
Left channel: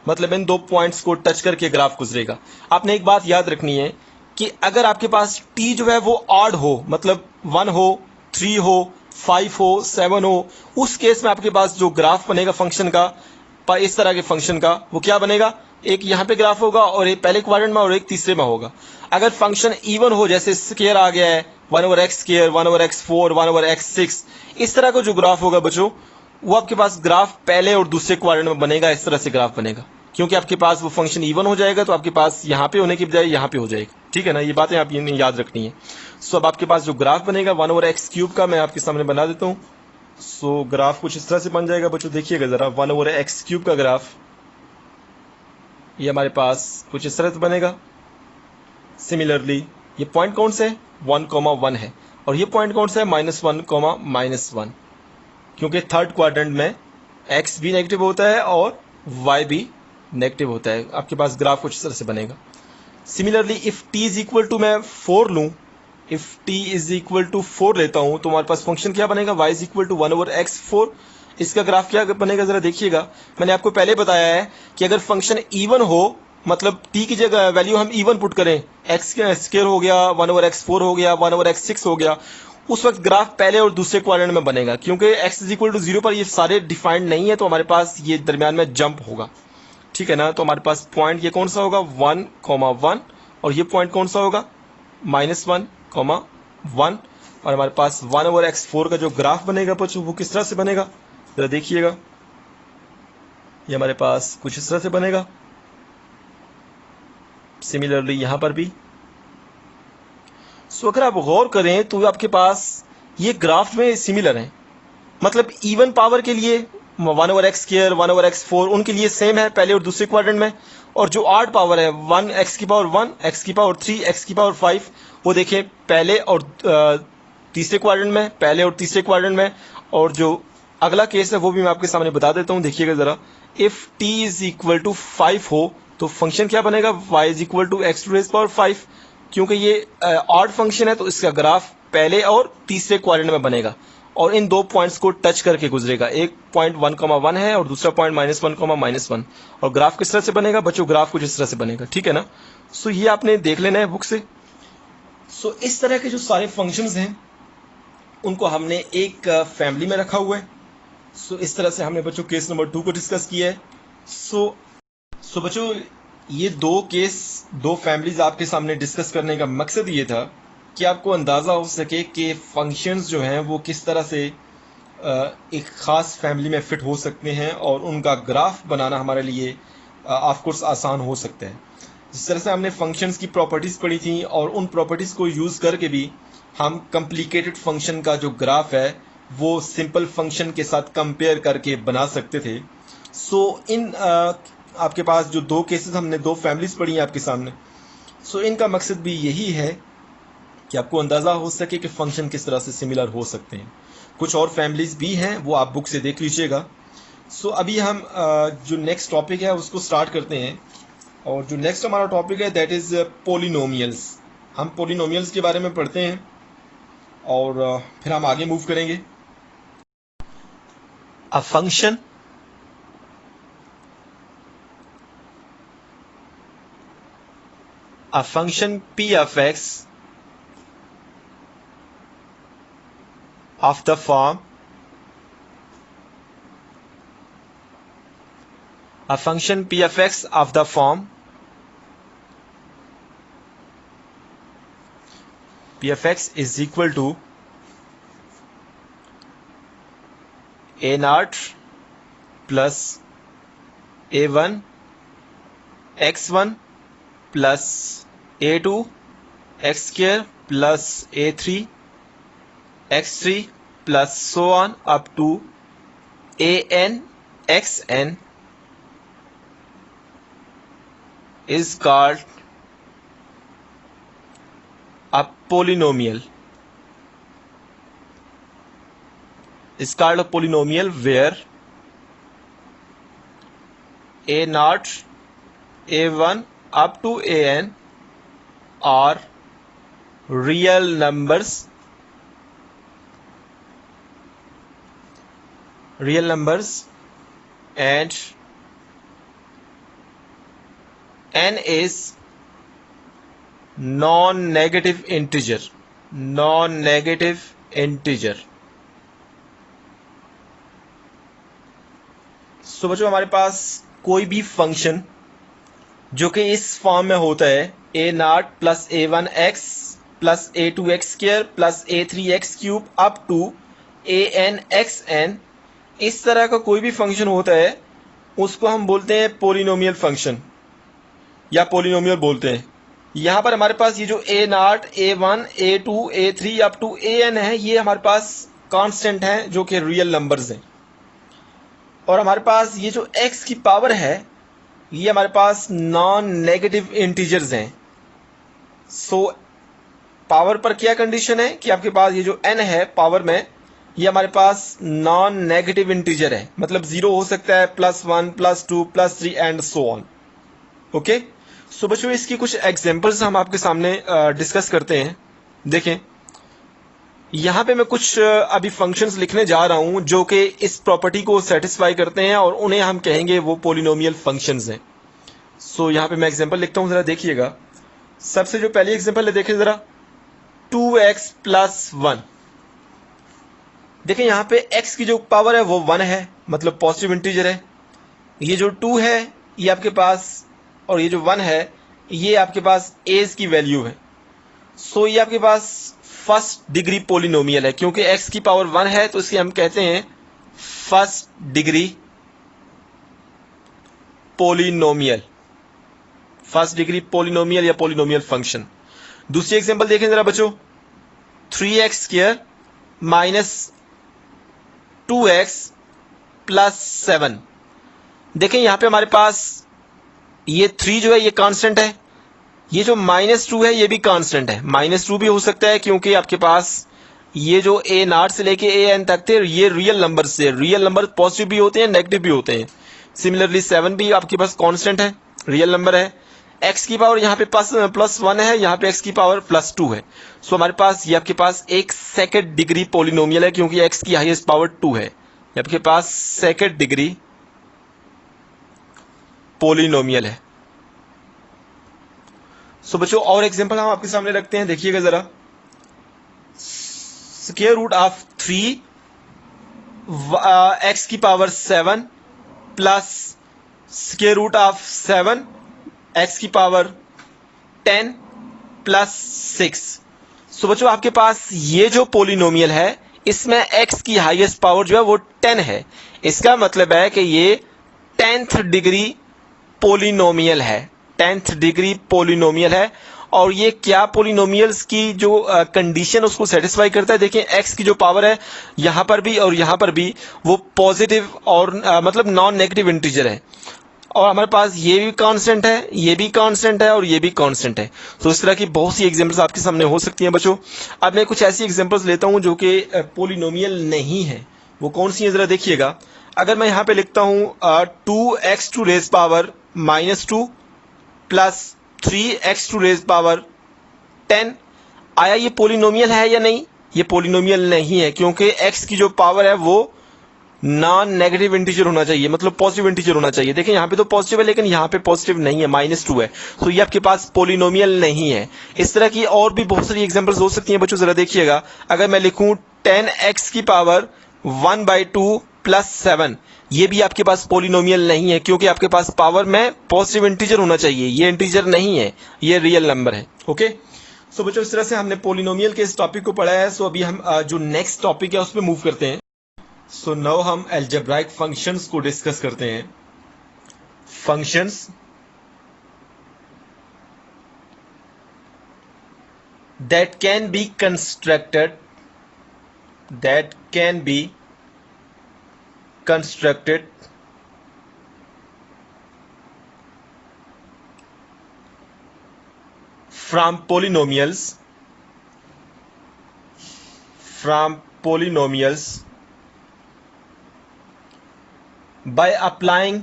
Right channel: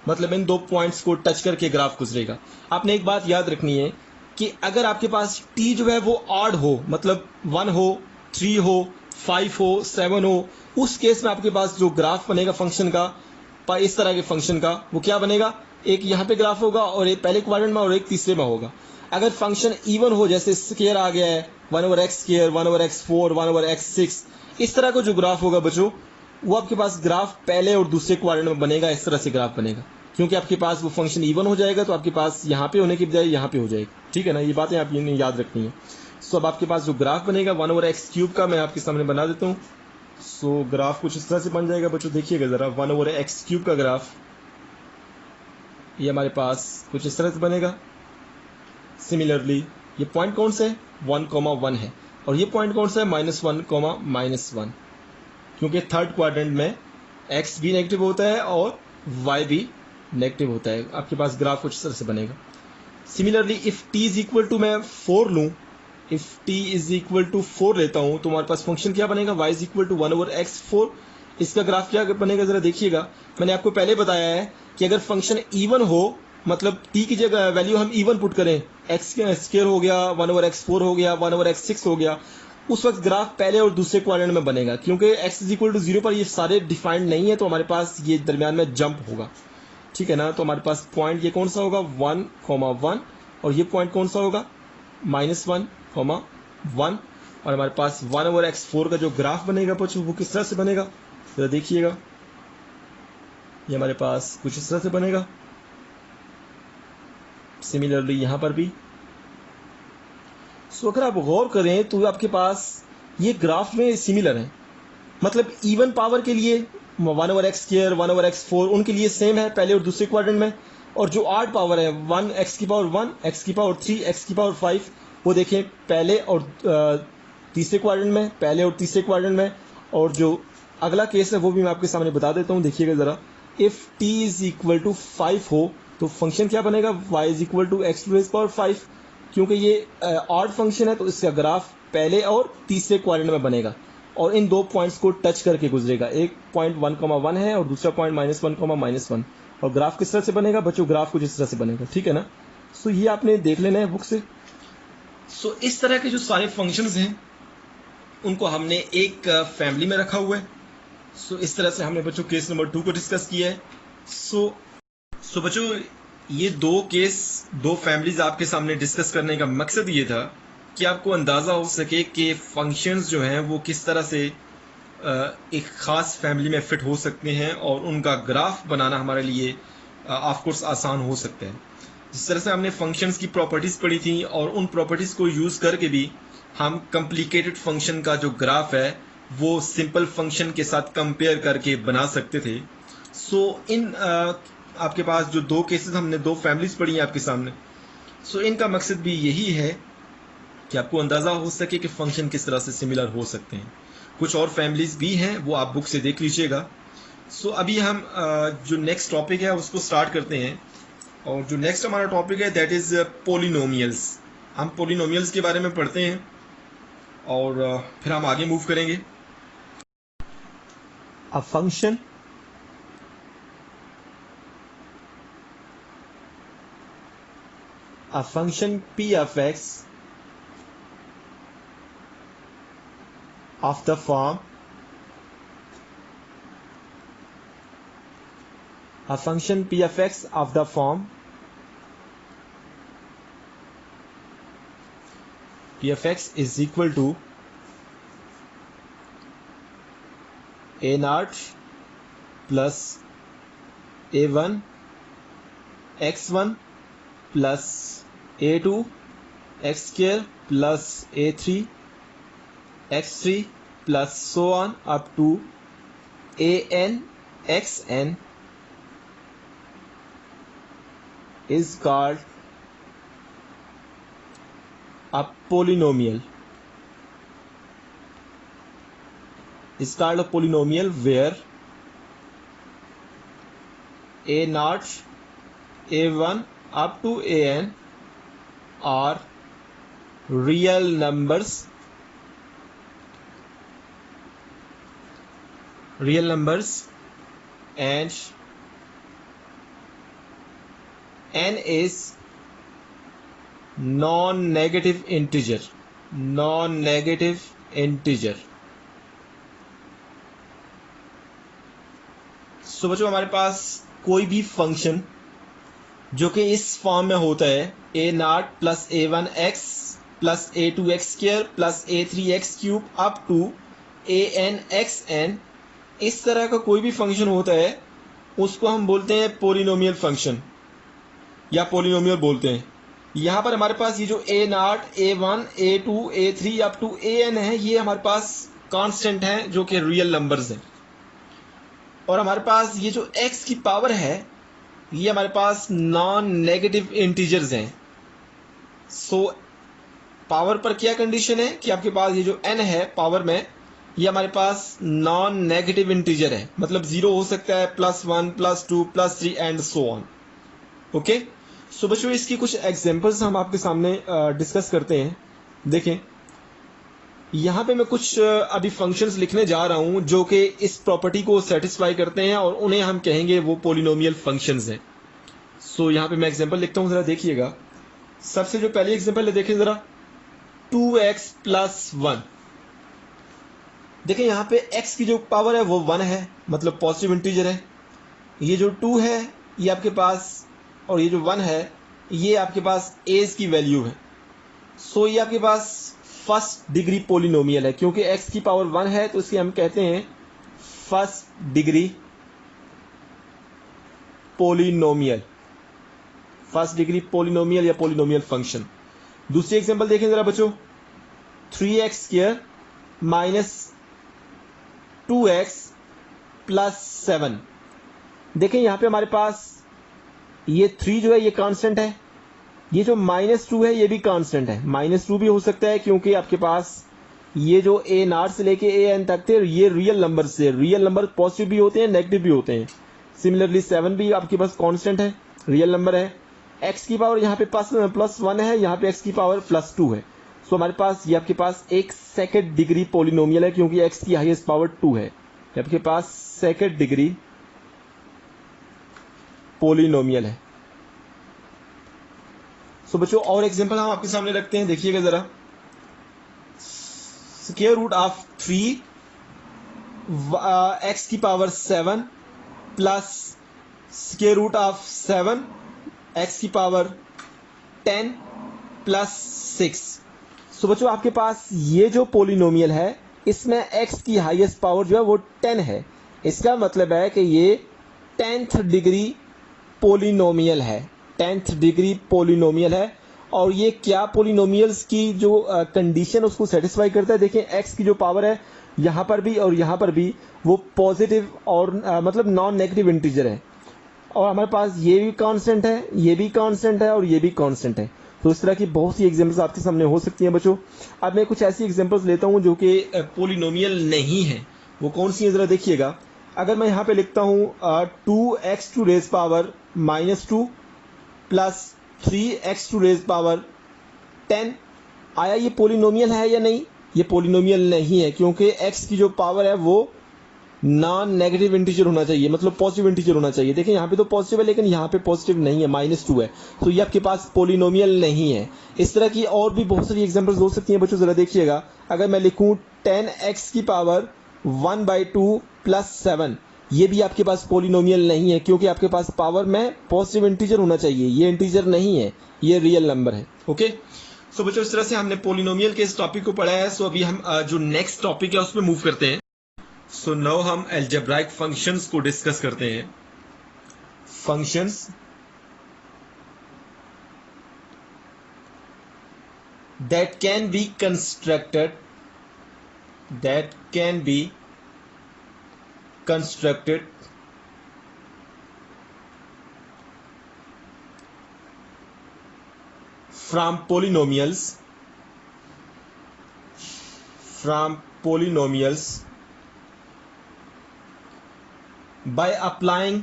मतलब इन दो पॉइंट्स को टच करके ग्राफ गुजरेगा। आपने एक बात याद रखनी है कि अगर आपके पास t जो है वो ऑड हो, मतलब 1 हो, 3 हो, 5 हो, 7 हो, उस केस में आपके पास जो ग्राफ बनेगा फंक्शन का, इस तरह के फंक्शन का, वो क्या बनेगा, एक यहाँ पे ग्राफ होगा और एक पहले क्वाड्रेंट में और एक तीसरे में होगा। अगर फंक्शन इवन हो, जैसे स्क्वायर आ गया है 1 over x square, 1 over X 4, 1 over x 6, इस तरह का जो ग्राफ होगा बच्चों वो आपके पास ग्राफ पहले और दूसरे क्वाड्रेंट में बनेगा। इस तरह से ग्राफ बनेगा, क्योंकि आपके पास वो फंक्शन इवन हो जाएगा तो आपके पास यहाँ पे होने की बजाय यहाँ पे हो जाएगा। ठीक है ना, ये बातें आप याद रखनी है। सो अब आपके पास जो ग्राफ बनेगा 1 ओवर एक्स क्यूब का, मैं आपके सामने बना देता हूँ। सो ग्राफ कुछ इस तरह से बन जाएगा बच्चों, देखिएगा जरा। 1 ओवर एक्स क्यूब का ग्राफ ये हमारे पास कुछ इस तरह से बनेगा। सिमिलरली ये पॉइंट कौन से है, 1,1 है, और ये पॉइंट कौन सा है, -1,-1, क्योंकि थर्ड क्वाड्रेंट में x भी नेगेटिव होता है और y भी नेगेटिव होता है। आपके पास ग्राफ कुछ इस तरह से बनेगा। Similarly if t is equal to मैं 4 लूं, if t is equal to 4 लेता हूं तो हमारे पास फंक्शन क्या बनेगा, y is equal to 1 over X 4। इसका ग्राफ क्या बनेगा जरा देखिएगा। मैंने आपको पहले बताया है कि अगर फंक्शन इवन हो, मतलब t की जगह वैल्यू हम इवन पुट करें, x स्क्वायर हो गया, 1 ओवर एक्स 4 हो गया, 1 ओवर एक्स 6 हो गया, उस वक्त ग्राफ पहले और दूसरे क्वाड्रेंट में बनेगा। क्योंकि x इज इक्वल टू 0 पर ये सारे डिफाइंड नहीं है, तो हमारे पास ये दरमियान में जंप होगा। ठीक है ना, तो हमारे पास पॉइंट ये कौन सा होगा, 1,1, और ये पॉइंट कौन सा होगा, -1,1, और हमारे पास 1 ओवर एक्स 4 का जो ग्राफ बनेगा बच्चों वो किस तरह से बनेगा जरा देखिएगा। ये हमारे पास कुछ इस तरह से बनेगा। सिमिलरली यहां पर भी। सो अगर आप गौर करें तो आपके पास ये ग्राफ में सिमिलर है, मतलब इवन पावर के लिए 1 over x square, 1 over X 4 उनके लिए सेम है पहले और दूसरे क्वाड्रेंट में, और जो ऑड पावर है 1 एक्स की पावर 1, एक्स की पावर 3, एक्स की पावर 5, वो देखें पहले और तीसरे क्वाड्रेंट में, पहले और तीसरे क्वाड्रेंट में। और जो अगला केस है वो भी मैं आपके सामने बता देता हूं, देखिएगा जरा। If t is equal to 5 हो तो फंक्शन क्या बनेगा, y is equal to X to raise power 5। क्योंकि ये ऑड फंक्शन है तो इसका ग्राफ पहले और तीसरे क्वाड्रेंट में बनेगा और इन दो पॉइंट्स को टच करके गुजरेगा। एक पॉइंट 1,1 है और दूसरा पॉइंट -1,-1, और ग्राफ किस तरह से बनेगा बच्चों, ग्राफ कुछ इस तरह से बनेगा। ठीक है ना, सो ये आपने देख लेना है बुक से। सो इस तरह के जो सारे फंक्शंस हैं उनको हमने एक फैमिली में रखा हुआ है। सो इस तरह से हमने बच्चों केस नंबर 2 को डिस्कस किया है। सो बच्चों ये दो केस, दो फैमिलीज आपके सामने डिस्कस करने का मकसद ये था कि आपको अंदाज़ा हो सके कि फंक्शंस जो हैं वो किस तरह से एक ख़ास फैमिली में फ़िट हो सकते हैं और उनका ग्राफ बनाना हमारे लिए ऑफ कोर्स आसान हो सकता है। जिस तरह से हमने फंक्शंस की प्रॉपर्टीज़ पढ़ी थी और उन प्रॉपर्टीज़ को यूज़ करके भी हम कॉम्प्लिकेटेड फंक्शन का जो ग्राफ है वो सिंपल फंक्शन के साथ कंपेयर करके बना सकते थे। सो इन आपके पास जो दो केसेस हमने दो फैमिलीज़ पढ़ी हैं आपके सामने, सो इनका मकसद भी यही है कि आपको अंदाज़ा हो सके कि फ़ंक्शन किस तरह से सिमिलर हो सकते हैं। कुछ और फैमिलीज़ भी हैं, वो आप बुक से देख लीजिएगा। सो अभी हम जो नेक्स्ट टॉपिक है उसको स्टार्ट करते हैं, और जो नेक्स्ट हमारा टॉपिक है दैट इज़ पोलिनोमियल्स। हम पोलिनोमियल्स के बारे में पढ़ते हैं और फिर हम आगे मूव करेंगे। A function p of x of the form a function p of x of the form p of x is equal to a naught plus a1 x1 plus a2 x square plus a3 x3 plus so on up to an xn is called a polynomial. Is called a polynomial where a naught a1 up to an are real numbers and n is non-negative integer. सो बच्चों, हमारे पास कोई भी function जो कि इस form में होता है a naught plus a1 x plus a2 x square plus a3 x cube up to an xn, इस तरह का कोई भी फंक्शन होता है उसको हम बोलते हैं पोलिनोमियल फंक्शन या पोलिनोमियल बोलते हैं। यहाँ पर हमारे पास ये जो a naught a1 a2 a3 up to an है, ये हमारे पास कांस्टेंट हैं जो कि रियल नंबर्स हैं, और हमारे पास ये जो x की पावर है ये हमारे पास नॉन नेगेटिव इंटीजर्स हैं। सो पावर पर क्या कंडीशन है कि आपके पास ये जो n है पावर में, ये हमारे पास नॉन नेगेटिव इंटीजर है, मतलब 0 हो सकता है, +1 +2 +3 एंड सो ऑन। ओके, सो बच्चों इसकी कुछ एग्जांपल्स हम आपके सामने डिस्कस करते हैं। देखें, यहाँ पे मैं कुछ अभी फंक्शंस लिखने जा रहा हूँ जो कि इस प्रॉपर्टी को सेटिस्फाई करते हैं और उन्हें हम कहेंगे वो पोलिनोमियल फंक्शंस हैं। सो यहाँ पे मैं एग्जांपल लिखता हूँ, जरा देखिएगा। सबसे जो पहली एग्जांपल है देखें जरा, 2x + 1। देखें यहाँ पे x की जो पावर है वो 1 है, मतलब पॉजिटिव इंटीजर है। ये जो 2 है ये आपके पास, और ये जो 1 है ये आपके पास एज की वैल्यू है। सो ये आपके पास फर्स्ट डिग्री पोलिनोमियल है, क्योंकि x की पावर 1 है तो इसकी हम कहते हैं first degree polynomial, first degree polynomial या पोलिनोमियल फंक्शन। दूसरी एग्जांपल देखें जरा बच्चों, 3x² - 2x + 7। देखें यहां पे हमारे पास ये 3 जो है ये कांस्टेंट है, ये जो -2 है ये भी कांस्टेंट है। -2 भी हो सकता है क्योंकि आपके पास ये जो a नॉट से लेके an तक थे ये रियल नंबर से, रियल नंबर पॉजिटिव भी होते हैं नेगेटिव भी होते हैं। सिमिलरली 7 भी आपके पास कांस्टेंट है, रियल नंबर है। x की पावर यहाँ पे +1 है, यहाँ पे x की पावर +2 है। सो हमारे पास ये आपके पास एक सेकंड डिग्री पोलिनोमियल है, क्योंकि x की हाईएस्ट पावर 2 है। ये आपके पास सेकंड डिग्री पोलिनोमियल है। सो बच्चों और एग्जांपल हम आपके सामने रखते हैं, देखिएगा जरा। स्क्वायर रूट ऑफ 3 x की power 7 plus square root of 7 x की पावर 10 + 6। सो बच्चों आपके पास ये जो पोलिनोमियल है इसमें x की हाईएस्ट पावर जो है वो 10 है। इसका मतलब है कि ये 10th डिग्री पोलिनोमियल है, 10th डिग्री पोलिनोमियल है। और ये क्या पोलिनोमियल्स की जो कंडीशन उसको सेटिस्फाई करता है, देखिए x की जो पावर है यहां पर भी और यहां पर भी वो पॉजिटिव और मतलब नॉन नेगेटिव इंटीजर है। और हमारे पास ये भी कांस्टेंट है, ये भी कांस्टेंट है और ये भी कांस्टेंट है। तो इस तरह की बहुत सी एग्जांपल्स आपके सामने हो सकती हैं बच्चों। अब मैं कुछ ऐसी एग्जांपल्स लेता हूं जो कि पोलिनोमियल नहीं है। वो कौन सी है जरा देखिएगा। अगर मैं यहां पे लिखता हूं 2x to raise power -2 plus 3x to raise power 10, आया ये पोलिनोमियल है या नहीं? ये पोलिनोमियल नहीं है, क्योंकि x की जो पावर है वो नॉन नेगेटिव इंटीजर होना चाहिए, मतलब पॉजिटिव इंटीजर होना चाहिए। देखिए यहाँ पे तो पॉजिटिव है लेकिन यहाँ पे पॉजिटिव नहीं है, -2 है। तो ये आपके पास पोलिनोमियल नहीं है। इस तरह की और भी बहुत सारी एग्जांपल्स हो सकती हैं बच्चों, जरा देखिएगा। अगर मैं लिखूं 10x की पावर 1/2 प्लस 7, ये भी आपके पास पोलिनोमियल नहीं है, क्योंकि आपके पास पावर में पॉजिटिव इंटीजर होना चाहिए। ये इंटीजर नहीं है, ये रियल नंबर है। ओके, सो बच्चों इस तरह से हमने पोलिनोमियल के इस टॉपिक को पढ़ा है। सो अभी हम जो नेक्स्ट टॉपिक है उस पर मूव करते हैं। सो नाउ हम अलजेब्राइक फंक्शंस को डिस्कस करते हैं। Functions that can be constructed from polynomials by applying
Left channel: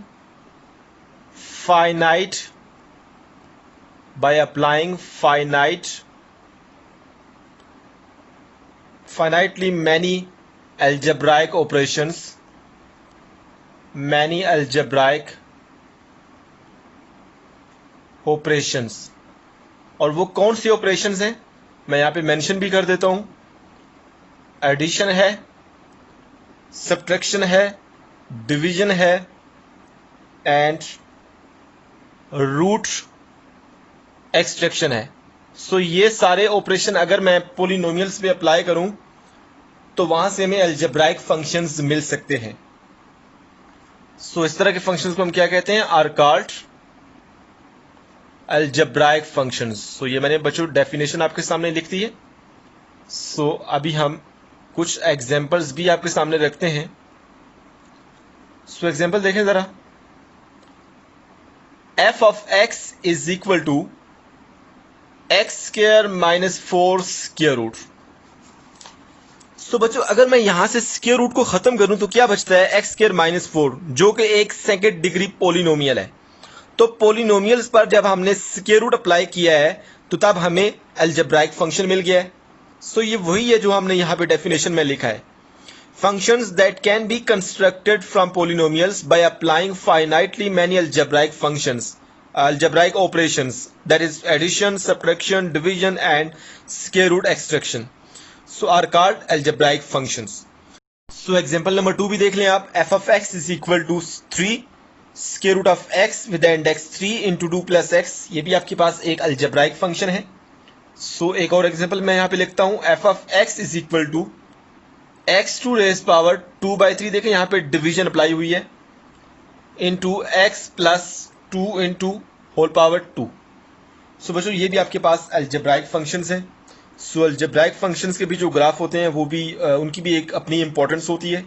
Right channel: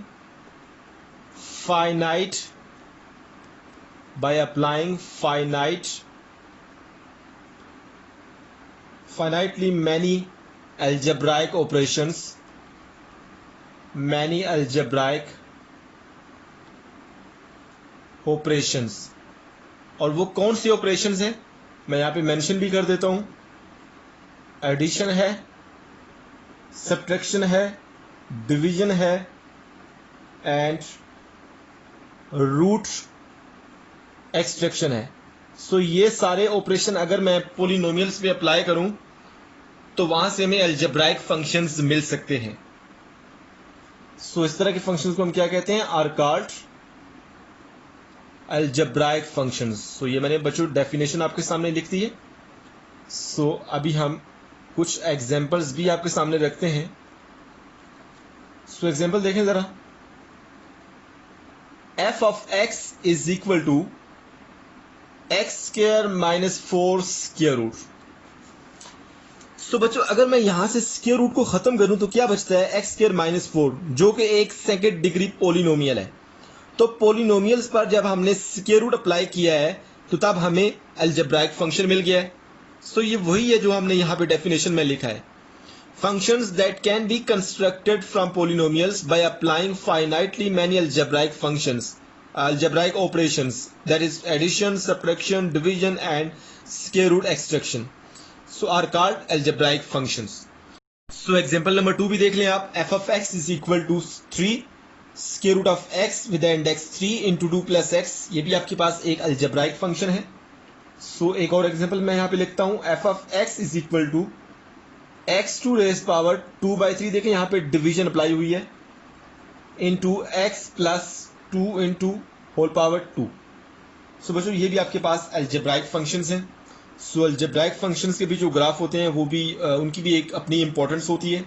finitely many algebraic operations, और वो कौन सी ऑपरेशंस हैं मैं यहां पे मेंशन भी कर देता हूं। एडिशन है, सब्ट्रैक्शन है, डिवीजन है एंड रूट एक्सट्रैक्शन है। सो ये सारे ऑपरेशन अगर मैं पोलिनोमियल्स पे अप्लाई करूं तो वहां से हमें अलजेब्राइक फंक्शंस मिल सकते हैं। सो इस तरह के फंक्शंस को हम क्या कहते हैं? Are called algebraic functions. So ये मैंने बच्चों डेफिनेशन आपके सामने लिख दी है। सो अभी हम कुछ एग्जांपल्स भी आपके सामने रखते हैं। सो एग्जांपल देखें जरा। f of x is equal to x square minus 4 square root. So बच्चों अगर मैं यहां से स्क्वायर रूट को खत्म करूं तो क्या बचता है? x स्क्वायर माइनस 4, जो कि एक सेकंड डिग्री पोलिनोमियल है। तो पोलिनोमियल्स पर जब हमने स्क्वायर रूट अप्लाई किया है तो तब हमें अलजेब्राइक फंक्शन मिल गया है। सो ये वही है जो हमने यहां पे डेफिनेशन में लिखा है। Functions that can be constructed from polynomials by applying finitely many algebraic operations, that is addition, subtraction, division and square root extraction, so are called algebraic functions. So example number 2 भी देख लें आप। f of x is equal to 3 square root of x with the index 3 into 2 plus x, ये भी आपके पास एक algebraic function है। So एक और एग्जांपल मैं यहाँ पे लिखता हूँ। f of x is equal to x to raise power 2/3, देखें यहाँ पे डिवीजन अप्लाई हुई है, into x plus 2 into whole power 2। So बच्चों ये भी आपके पास अलजेब्राइक फंक्शंस हैं। सो अलजेब्राइक फंक्शंस के भी जो ग्राफ होते हैं वो भी उनकी भी एक अपनी इंपॉर्टेंस होती है।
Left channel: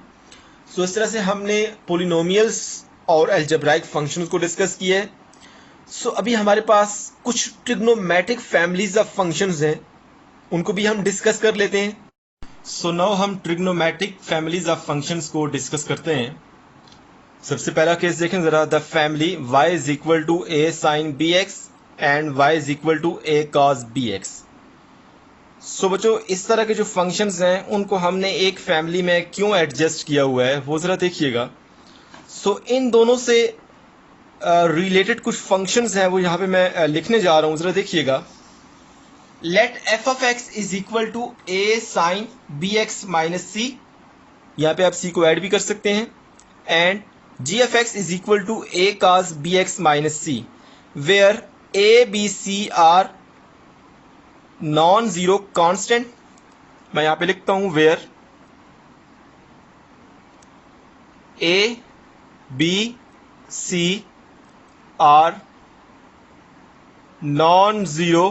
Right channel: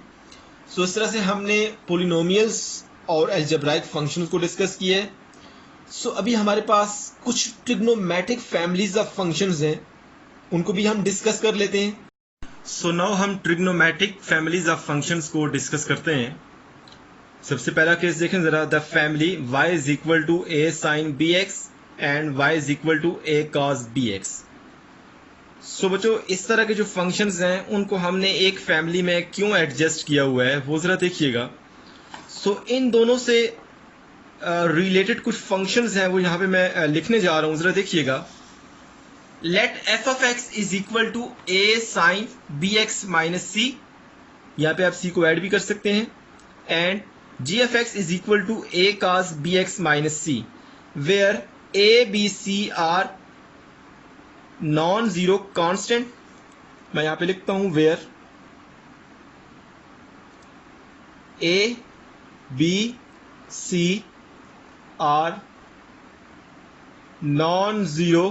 सो इस तरह से हमने पोलिनोमियल्स और अलजेब्राइक फंक्शंस को डिस्कस किया है। सो अभी हमारे पास कुछ ट्रिग्नोमेट्रिक फैमिलीज ऑफ फंक्शंस हैं, उनको भी हम डिस्कस कर लेते हैं। सो नाउ हम ट्रिग्नोमेट्रिक फैमिलीज ऑफ फंक्शंस को डिस्कस करते हैं। सबसे पहला केस देखें जरा। The family y is equal to a sin bx and y is equal to a cos bx। So बच्चों इस तरह के जो फंक्शंस हैं उनको हमने एक फैमिली में क्यों एडजस्ट किया हुआ है वो जरा देखिएगा। सो इन दोनों से रिलेटेड कुछ फंक्शंस हैं वो यहाँ पे मैं लिखने जा रहा हूँ, जरा देखिएगा। Let f of x is equal to a sin bx minus c, यहाँ पे आप c को ऐड भी कर सकते हैं, and g of x is equal to a cos bx minus c, where a, b, c are non zero constant, मैं यहां पे लिखता हूं where a B c are non zero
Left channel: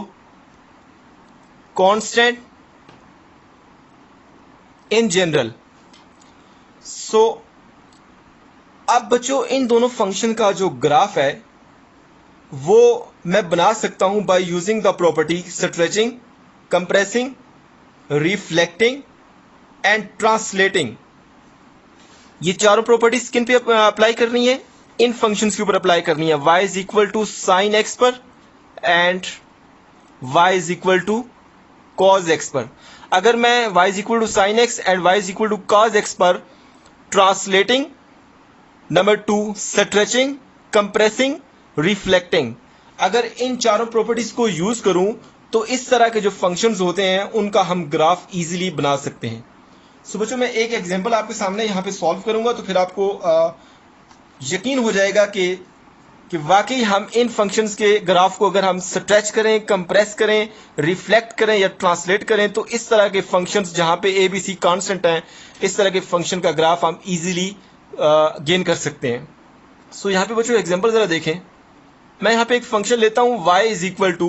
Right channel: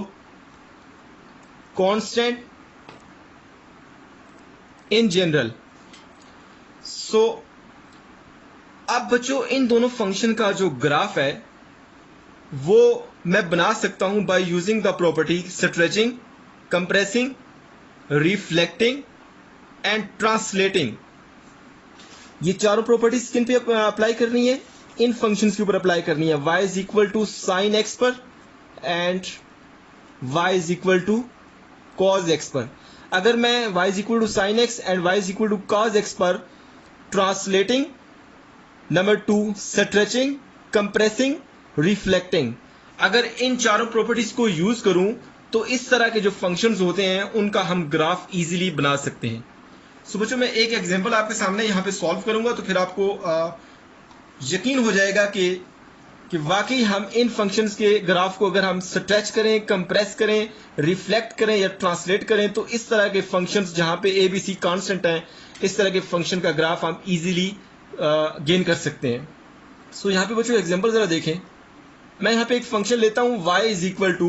constant in general. So अब बच्चों इन दोनों function का जो ग्राफ है वो मैं बना सकता हूं bye using the property stretching, compressing, reflecting and translating. ये चारों प्रॉपर्टीज किन पे अप्लाई करनी है? इन फंक्शंस के ऊपर अप्लाई करनी है। y is equal to sine x पर and y is equal to cos x पर। अगर मैं y is equal to sine x and y is equal to cos x पर translating, number 2 stretching, compressing, reflecting, अगर इन चारों properties को use करूं तो इस तरह के जो फंक्शंस होते हैं उनका हम ग्राफ इजीली बना सकते हैं। सो बच्चों मैं एक एग्जांपल आपके सामने यहां पे सॉल्व करूंगा तो फिर आपको यकीन हो जाएगा कि वाकई हम इन फंक्शंस के ग्राफ को अगर हम स्ट्रेच करें, कंप्रेस करें, रिफ्लेक्ट करें या ट्रांसलेट करें तो इस तरह के फंक्शंस जहां पे ए बी सी कांस्टेंट हैं, इस तरह के फंक्शन का ग्राफ हम इजीली गेन कर सकते हैं। सो यहां पे बच्चों एग्जांपल जरा देखें। मैं यहां पे एक फंक्शन लेता हूं y is equal to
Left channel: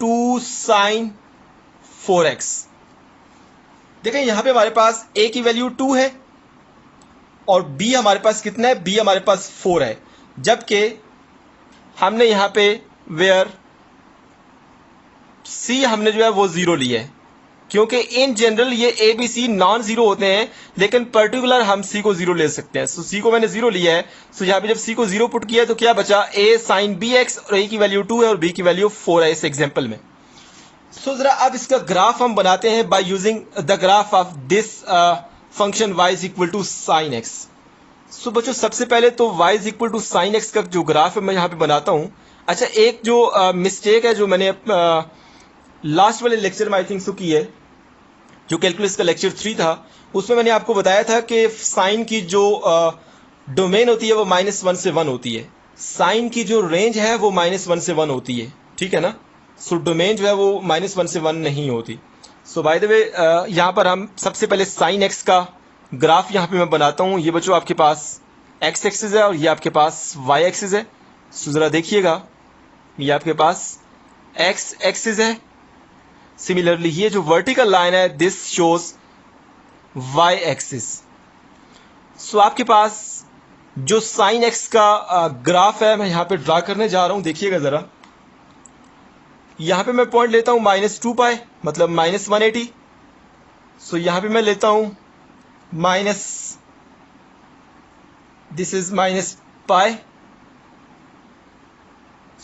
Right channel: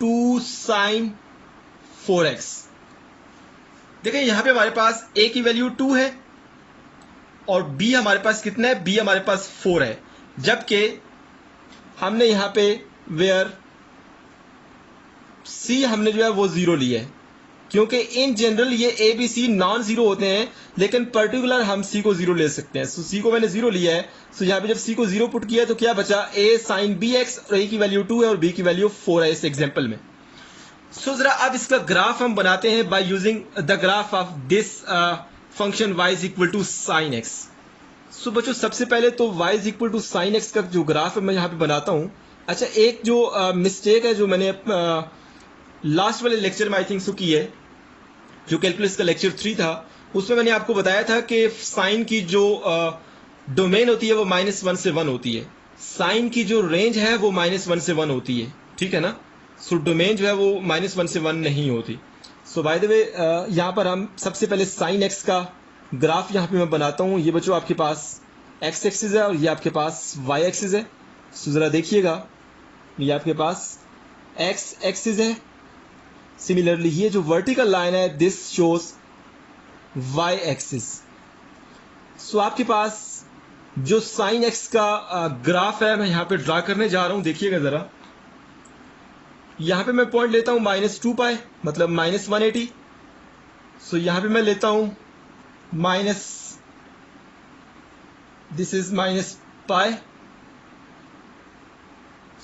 2 sine 4x। देखें यहां पे हमारे पास a की वैल्यू 2 है और b हमारे पास कितना है? b हमारे पास 4 है, जबकि हमने यहां पे वेयर c हमने जो है वो 0 लिया है, क्योंकि इन जनरल ये A B C non zero होते हैं, लेकिन पर्टिकुलर हम सी को 0 ले सकते हैं। सो सी को मैंने 0 लिया है। सो यहां पे जब सी को 0 पुट किया तो क्या बचा? a साइन बी एक्स, और a की वैल्यू 2 है और b की वैल्यू 4 है इस एग्जांपल में। सो जरा अब इसका ग्राफ हम बनाते हैं by using the graph of this function y is equal to sine x. So बच्चों सबसे पहले तो y is equal to sine x का जो ग्राफ है मैं यहां पे बनाता हूं। अच्छा एक जो मिस्टेक है जो मैंने लास्ट वाले लेक्चर में आई थिंक सो की है, जो कैलकुलस का लेक्चर 3 था, उसमें मैंने आपको बताया था कि साइन की जो डोमेन होती है वो -1 से 1 होती है, साइन की जो रेंज है वो -1 से 1 होती है, ठीक है ना। सो डोमेन जो है वो -1 से 1 नहीं होती। सो बाय द वे यहाँ पर हम सबसे पहले साइन एक्स का ग्राफ यहाँ पे मैं बनाता हूँ। ये बच्चों आपके पास एक्स एक्सिस है और ये आपके पास वाई एक्सिस है। सो जरा देखिएगा, ये आपके पास एक्स एक्सिस है। सिमिलरली ये जो वर्टिकल लाइन है दिस शोज वाई एक्सिस। सो आपके पास जो साइन एक्स का ग्राफ है मैं यहां पे ड्रा करने जा रहा हूं, देखिएगा जरा। यहां पे मैं पॉइंट लेता हूं -2 पाई, मतलब -180। सो यहां पे मैं लेता हूं दिस इज -पाई।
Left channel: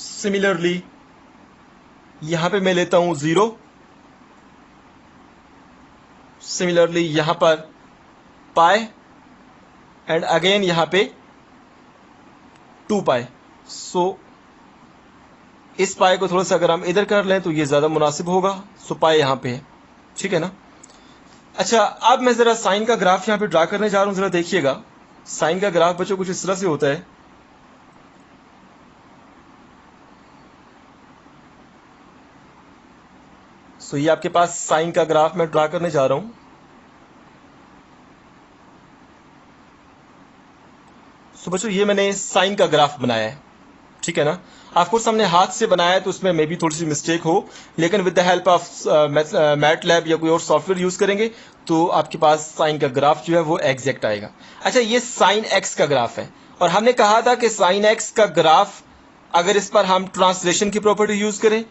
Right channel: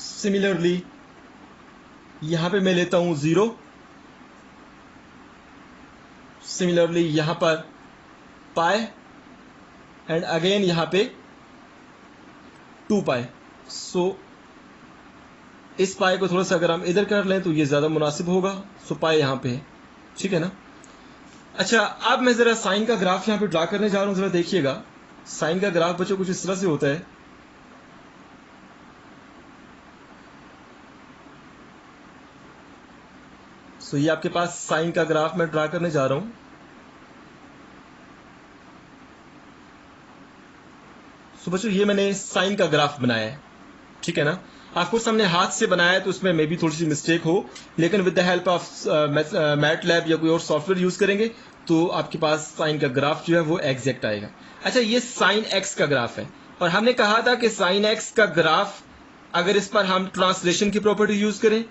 सिमिलरली यहां पे मैं लेता हूं 0। सिमिलरली यहां पर पाई एंड अगेन यहां पे 2 पाई। सो इस पाई को थोड़ा सा अगर हम इधर कर लें तो ये ज्यादा मुनासिब होगा। सो पाई यहां पे है, ठीक है ना। अच्छा अब मैं जरा साइन का ग्राफ यहां पे ड्रा करने जा रहा हूं, जरा देखिएगा। साइन का ग्राफ बच्चों कुछ इस तरह से होता है। सो ये आपके पास साइन का ग्राफ मैं ड्रा करने जा रहा हूं। सो बच्चों ये मैंने साइन का ग्राफ बनाया है, ठीक है ना। आपको हमने हाथ से बनाया है तो उसमें मे बी थोड़ी सी मिस्टेक हो, लेकिन with the help of MATLAB या कोई और सॉफ्टवेयर यूज करेंगे तो आपके पास साइन का ग्राफ जो है वो एग्जैक्ट आएगा। अच्छा ये साइन एक्स का ग्राफ है और हमने कहा था कि साइन एक्स का ग्राफ अगर इस पर हम ट्रांसलेशन की प्रॉपर्टी यूज करें,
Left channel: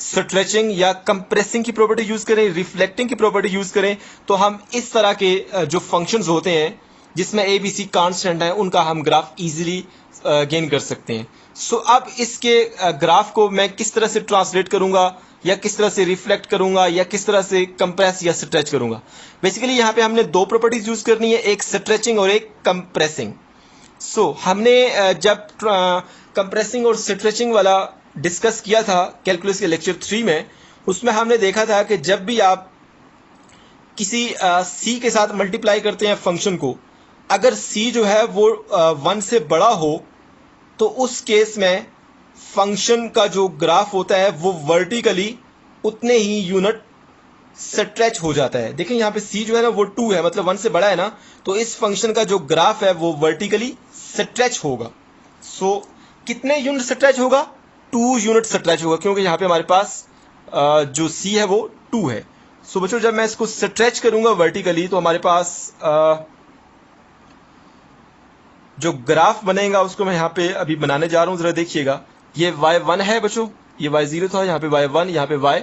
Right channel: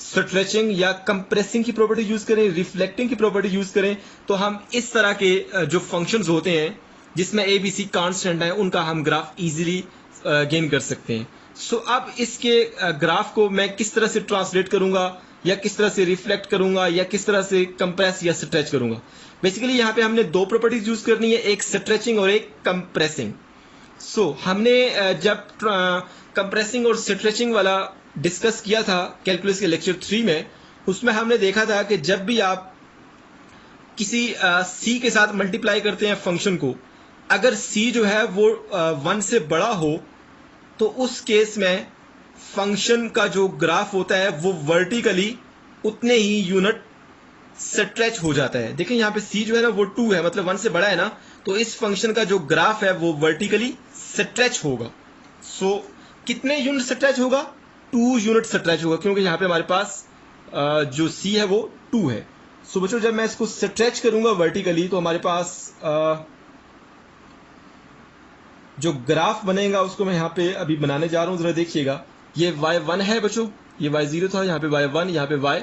स्ट्रेचिंग या कंप्रेसिंग की प्रॉपर्टी यूज करें, रिफ्लेक्टिंग की प्रॉपर्टी यूज करें, तो हम इस तरह के जो फंक्शंस होते हैं जिसमें ए बी सी कांस्टेंट है उनका हम ग्राफ इजीली गेन कर सकते हैं। सो अब इसके ग्राफ को मैं किस तरह से ट्रांसलेट करूंगा या किस तरह से रिफ्लेक्ट करूंगा या किस तरह से कंप्रेस या स्ट्रेच करूंगा। बेसिकली यहाँ पे हमने दो प्रॉपर्टीज यूज करनी है, एक स्ट्रेचिंग और एक कंप्रेसिंग। सो हमने जब कंप्रेसिंग और स्ट्रेचिंग वाला डिस्कस किया था कैलकुलस के लेक्चर 3 में, उसमें हमने देखा था कि जब भी आप किसी सी के साथ मल्टीप्लाई करते हैं फंक्शन को, अगर सी जो है वो 1 से बड़ा हो तो उस केस में फंक्शन का जो ग्राफ होता है वो वर्टिकली उतने ही यूनिट स्ट्रेच हो जाता है। देखिए यहाँ पे c जो है ना वो 2 है, मतलब 1 से बड़ा है ना, तो इस फंक्शन का जो ग्राफ है वो वर्टिकली स्ट्रेच होगा। सो कितने यूनिट स्ट्रेच होगा? 2 यूनिट स्ट्रेच होगा, क्योंकि यहाँ पे हमारे पास जो c है वो 2 है। सो बच्चों जब मैं इसको स्ट्रेच करूंगा वर्टिकली तो हमारे पास जो ग्राफ बनेगा उसको मैं यहाँ पे अभी बनाने जा रहा हूँ, जरा देखिएगा। ये y1 है बच्चों, ये y0 था, यहाँ पे y1, यहाँ पे y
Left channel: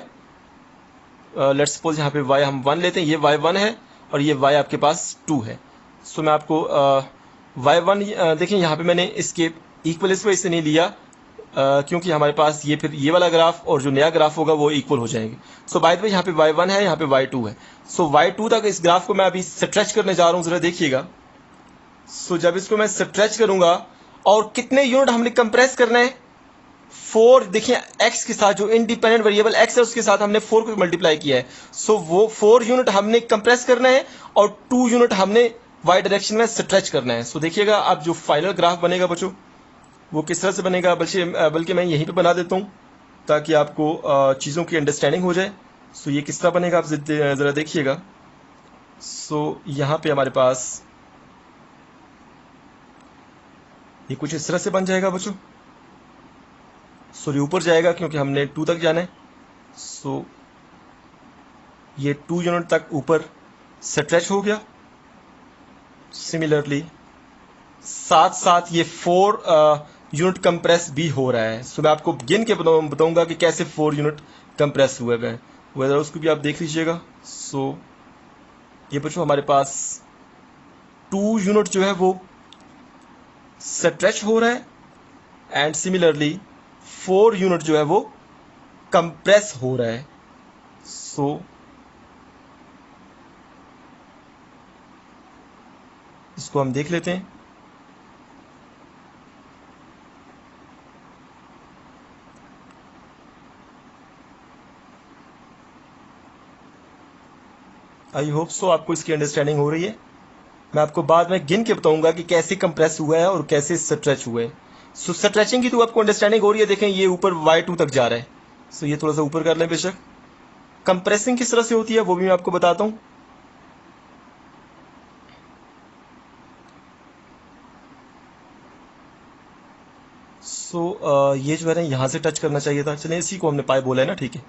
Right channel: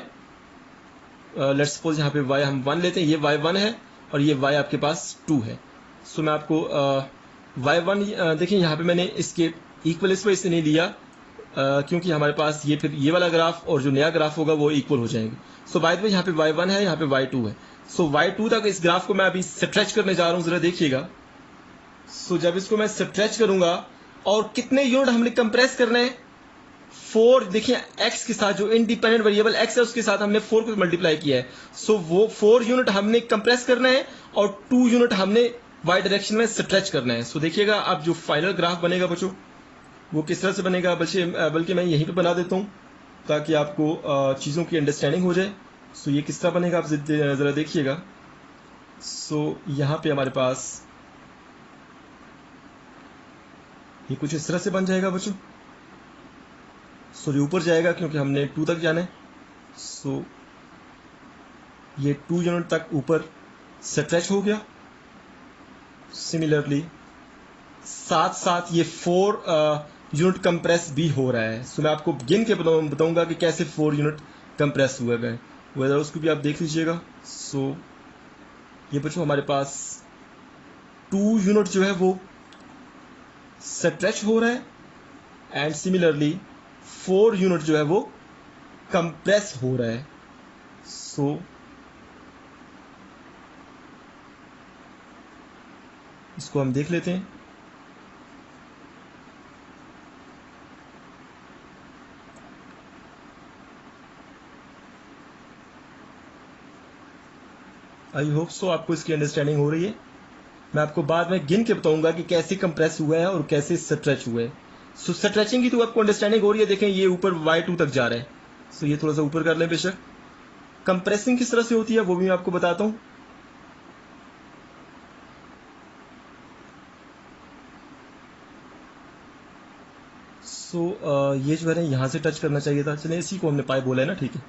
लेट्स सपोज यहाँ पे y हम 1 लेते हैं, ये y1 है और ये y आपके पास 2 है। सो मैं आपको y1 देखिए यहाँ पे मैंने इसके इक्वल इस वजह से नहीं लिया क्योंकि हमारे पास ये फिर ये वाला ग्राफ और जो नया ग्राफ होगा वो इक्वल हो जाएंगे। सो बाय द वे यहाँ पे y1 है, यहाँ पे y2 है। सो y2 तक इस ग्राफ को मैं अभी स्ट्रेच करने जा रहा हूँ, जरा देखिएगा। सो जब इसको मैं स्ट्रेच करूंगा और कितने यूनिट हमने कंप्रेस करना है? 4। देखिए x के साथ जो इंडिपेंडेंट वेरिएबल x है उसके साथ हमने 4 को मल्टीप्लाई किया है। सो वो 4 यूनिट हमने कंप्रेस करना है और 2 यूनिट हमने y डायरेक्शन में स्ट्रेच करना है। सो देखिएगा अब जो फाइनल ग्राफ बनेगा बच्चों वो किस तरह से बनेगा, बल्कि मैं यहीं पे बना देता हूँ ताकि आपको चीज़ों की अंडरस्टैंडिंग हो जाए। सो ये किस तरह बनेगा आप ज़रा देखिएगा। सो यहाँ पे हमारे पास ये कुछ इस तरह से बन जाएगा बच्चों। सो ये ऊपर जाएगा क्योंकि हमने 2 तक जाना है। सो ये 2 यूनिट तक ऊपर स्ट्रेच हो गया। सिमिलरली साथ साथ ये 4 यूनिट कंप्रेस भी हो रहा है। सो मैं आपको गिन के बताऊंगा कि कैसे 4 यूनिट कंप्रेस हुए हैं, वैसे उसको भी आप देख लीजिएगा। सो ये बच्चों हमारे पास 2 यूनिट जो है वो स्ट्रेच हो रहा है एंड सिमिलरली 4 यूनिट जो है वो कंप्रेस हो रहा है। सो इसको हम देख लेते हैं। आई होप सो आपको इसकी अंडरस्टैंडिंग हो रही है। मैं आपको बाद में गिन के बताऊंगा कि कैसे कंप्रेस हुआ है और कैसे स्ट्रेच हुआ है। सो स्ट्रेचिंग की तो आपको अंडरस्टैंडिंग हो रही है। देखें ये ऊपर y2 तक जा रहा है। सो ये थोड़ा सा ऊपर कर लें बेशक। कंप्रेसिंग किस तरह से होती है वो भी मैं आपको बताता हूँ। सो ये जो है ना यहाँ से टच करना चाहिए था, चलिए इसी को हमने पाई बोला है ना, ठीक है,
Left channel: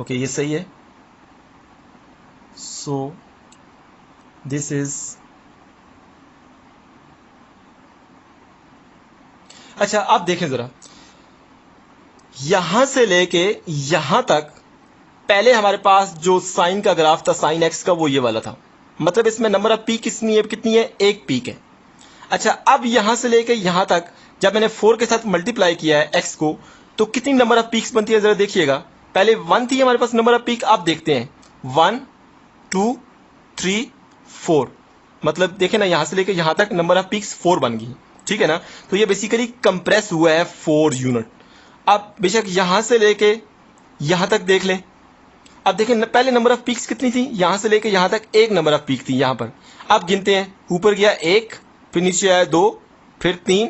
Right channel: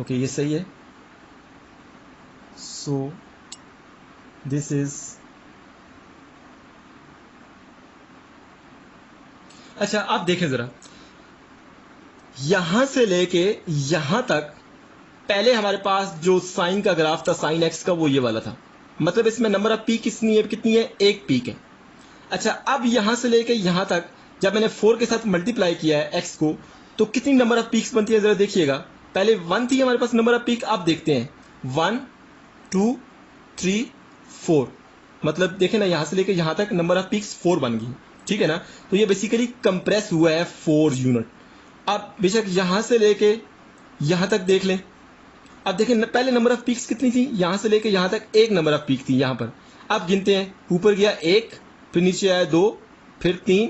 ओके ये सही है। सो दिस इज अच्छा आप देखें जरा, यहां से लेके यहां तक पहले हमारे पास जो साइन का ग्राफ था साइन एक्स का वो ये वाला था, मतलब इसमें नंबर ऑफ पीक कितनी है? एक पीक है। अच्छा अब यहां से लेके यहां तक जब मैंने 4 के साथ मल्टीप्लाई किया है एक्स को तो कितनी नंबर ऑफ पीक्स बनती है जरा देखिएगा। पहले 1 थी हमारे पास नंबर ऑफ पीक, आप देखते हैं 1 2 3 4, मतलब देखें ना यहां से लेके यहां तक नंबर ऑफ पीक्स 4 बन गई, ठीक है ना। तो ये बेसिकली कंप्रेस हुआ है 4 यूनिट। अब बेशक यहां से लेके यहां तक देख ले, अब देखें पहले नंबर ऑफ पीक्स कितनी थी? यहां से लेके यहां तक एक नंबर ऑफ पीक थी यहां पर। अब गिनते हैं, ऊपर गया 1, फिर नीचे आया 2, फिर 3,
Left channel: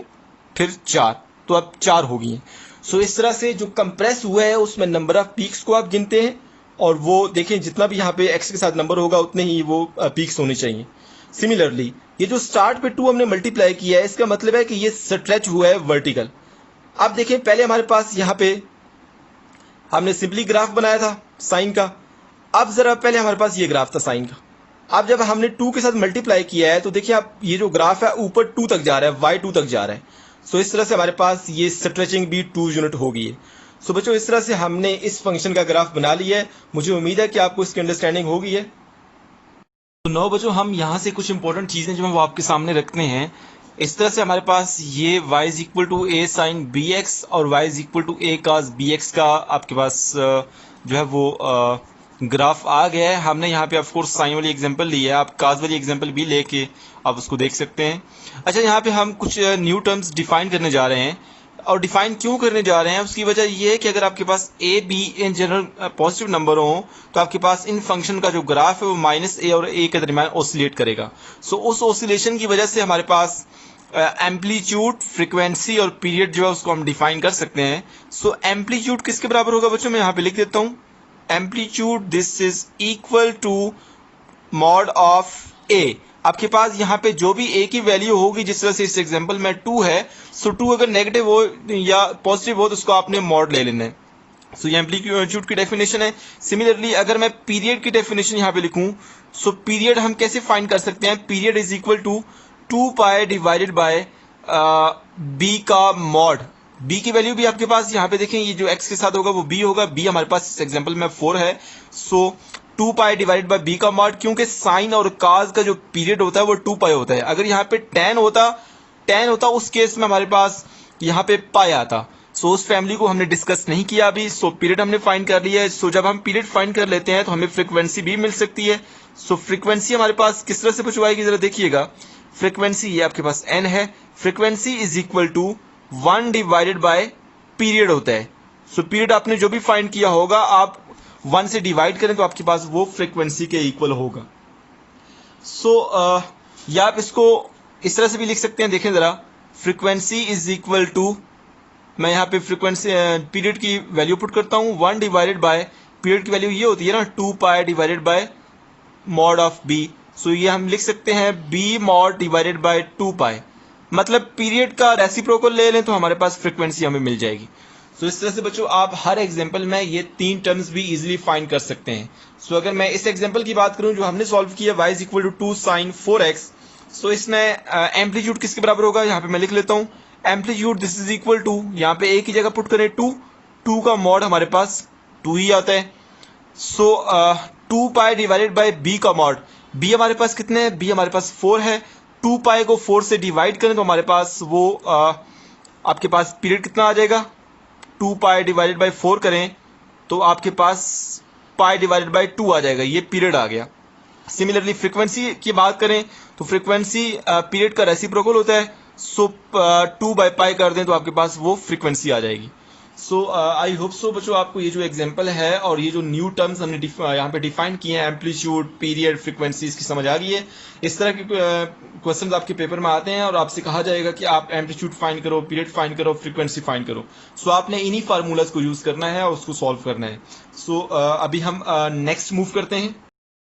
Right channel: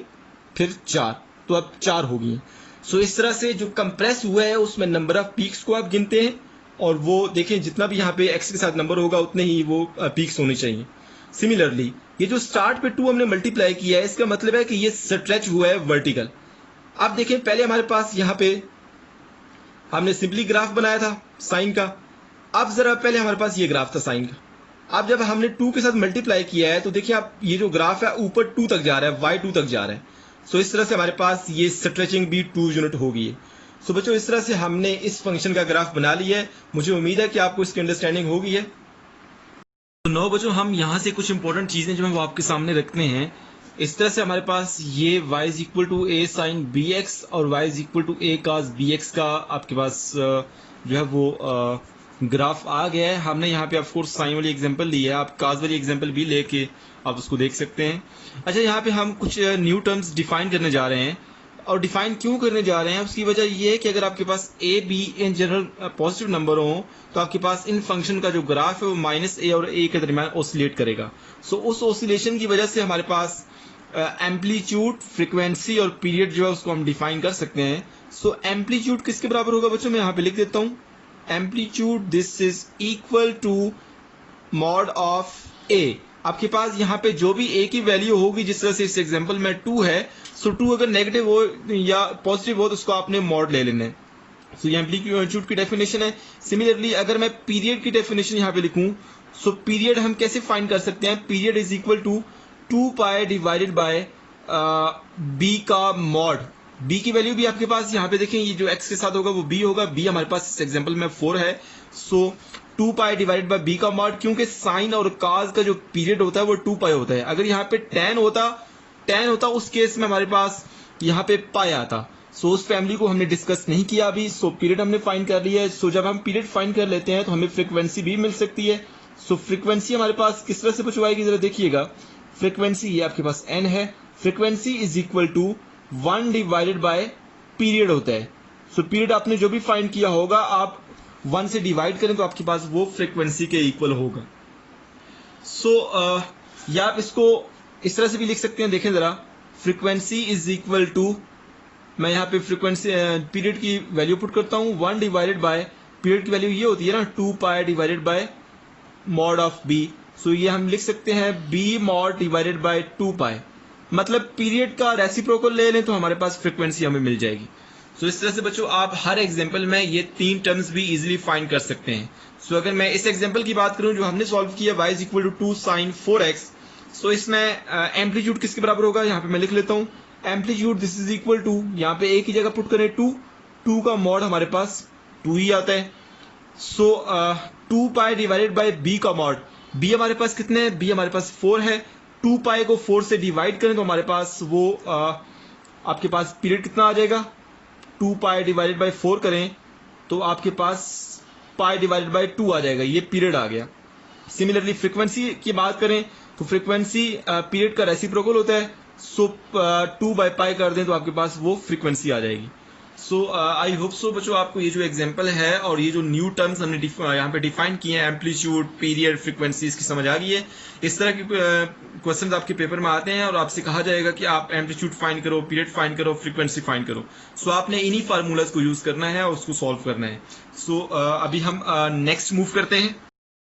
फिर 4, तो अब 4 हो गई। सो इस तरह से जो कंप्रेस हुआ है उसमें नंबर ऑफ पीक्स को आप गिनते हैं और वो देखें जितना भी यहाँ पे एक्स के साथ नंबर होगा उतने ही वो पीक्स होने चाहिए। सिमिलरली ये जो स्टार्ट पे 2 हमने मल्टीप्लाई किया है इसका मतलब है कि ये स्ट्रेच हुआ है वर्टिकल। अब देखें पहले हमारे पास यहाँ पे हमने सिंपली ग्राफ बनाया था साइन का, अब जरा पहले हमारे पास ये ग्राफ था साइन का। अब जब हमने 2 के साथ मल्टीप्लाई किया है तो देखिए आप ये जो ग्राफ है ऊपर 2 तक जा रहा है, y2 तक जा रहा है। सो इस तरह से हमारे पास ये स्ट्रेचिंग भी 2 यूनिट हो गई है। सो बच्चों इस तरह से हमने इस फंक्शन का ग्राफ बना लिया है। मुझे उम्मीद है कि आपको इसकी अंडरस्टैंडिंग हो गई है। तो 9 बच्चों हम यहाँ से कुछ इंपॉर्टेंट चीजें जो है वो आपके सामने रखते हैं। इस तरह से हमारे पास ये y is equal to a sine bx और y is equal to a cos bx का आपके पास जो है वो ग्राफ आ गया है। हमने यहाँ पे ऑफ कोर्स साइन वाली एग्जांपल ली है, आप cos वाली एग्जांपल भी लेके आप उसको देख सकते हैं। अच्छा यहाँ पे हम कुछ न्यू टर्म्स डिफाइन करने जा रहे हैं और डिफाइन क्यों करने जा रहे हैं उसकी वजह ये है कि अगर आपके पास a b in general positive number हो तो आपके पास इन फंक्शन का जो ग्राफ है वो -a और a के दरमियान ऑसिलेट करेगा। सो उस ऑसिलेशन की वजह से हमारे पास एम्पलीट्यूड, फ्रीक्वेंसी और पीरियड जो है उसको हम डिफाइन कर सकते हैं। सो एम्पलीट्यूड किसके बराबर होगा बच्चों, मैं यहाँ पे लिख देता हूँ amplitude this is equal to mod of a. आपके पास यहाँ पे जो भी ए की वैल्यू होगी, जिस तरह से इस एग्जांपल में 2 है, सो 2 अगर नेगेटिव हो या पॉजिटिव हो तो उसको आपने मॉड ले लेना है। सो ये एम्पलीट्यूड की डेफिनेशन है। सिमिलरली अगर मैं पीरियड की डेफिनेशन यहाँ पे लिखूं, सो पीरियड हम कैसे फाइंड कर सकते हैं, period is equal to 2 pi divided by B का मॉड। बी की वैल्यू भी आपके पास यहाँ पे देखें, ये जो एक्स के साथ होगा वो बी होगा, बी हमारे पास इस एग्जांपल में 4 है। सो 2 पाई डिवाइडेड बाय बी का मॉड, क्योंकि साइन और काज का जो पीरियड होता है वो 2 पाई होता है। अगर यहाँ पे 10 होता उस केस में हमारे पास यहाँ पे पाई आता। सो उस फैमिली को हमने डिस्कस नहीं किया अभी। सो पीरियड हमने फाइंड कर लिया है। सो जब हम पीरियड फाइंड कर लेते हैं तो हमें फ्रीक्वेंसी भी मिल सकती है। सो फ्रीक्वेंसी हमारे पास किस तरह से बचवाएगी, जरा देखिएगा। फ्रीक्वेंसी ये आपके पास n है, frequency is equal to 1 divided by period होता है। सो पीरियड आपने जो भी फाइंड किया होगा, आप 1 से डिवाइड करें तो आपके पास वो फ्रीक्वेंसी के इक्वल होगा। सो या आप इसको इस तरह से भी लिख सकते हैं, देखें जरा, फ्रीक्वेंसी इज इक्वल टू, मैं यहाँ पे फ्रीक्वेंसी पीरियड की वैल्यू पुट करता हूँ, 1 डिवाइडेड बाय पीरियड की वैल्यू ये होती है ना 2 pi divided by mod of B. So ये हम लिख सकते हैं b mod divided by 2 pi, मतलब पीरियड का रेसिप्रोकल ले लें तो हमारे पास फ्रीक्वेंसी हमें मिल जाएगी। सो इस तरह से बच्चों आप हर एग्जांपल में ये 3 टर्म्स भी इजीली फाइंड कर सकते हैं। सो अगर मैं इस एग्जांपल की बात करूं जो हमने सॉल्व किया, y is equal to 2 sine 4x, so इसमें एम्पलीट्यूड किसके बराबर होगा, यहाँ पे मैं लिख लेता हूँ amplitude this is equal to, यहाँ पे a की जगह पुट करें 2 का मॉड हमारे पास 2 ही आता है। सो 2 पाई डिवाइडेड बाय b का मॉड, b हमारे पास कितने हैं, b हमारे पास 4 है। 2 पाई को 4 से डिवाइड करें तो हमारे पास वो आपके पास पीरियड कितना आ जाएगा, 2 पाई डिवाइडेड बाय 4 करें तो आपके पास पाई डिवाइडेड बाय 2 आ जाएगा, ये पीरियड आ गया। सिमिलरली फ्रीक्वेंसी की बात करें तो फ्रीक्वेंसी पीरियड का रेसिप्रोकल होता है। सो 2 बाय पाई कर दें तो आपके पास वो फ्रीक्वेंसी आ जाएगी। सो आई होप सो बच्चों आपको ये जो एग्जांपल है और ये जो न्यू टर्म्स हमने यहाँ पे डिफाइन किए हैं, एम्पलीट्यूड, पीरियड, फ्रीक्वेंसी, इसकी समझ आ गई है। इस तरह के क्वेश्चंस आपके पेपर में आते हैं और आपसे कहा जाएगा कि आप एम्पलीट्यूड फाइंड करो, पीरियड फाइंड करो, फ्रीक्वेंसी फाइंड करो। सो आपने इन्हीं फार्मूलाज को यूज करना है और उसको सॉल्व करना है। सो अभी हम नेक्स्ट मूव करते हैं।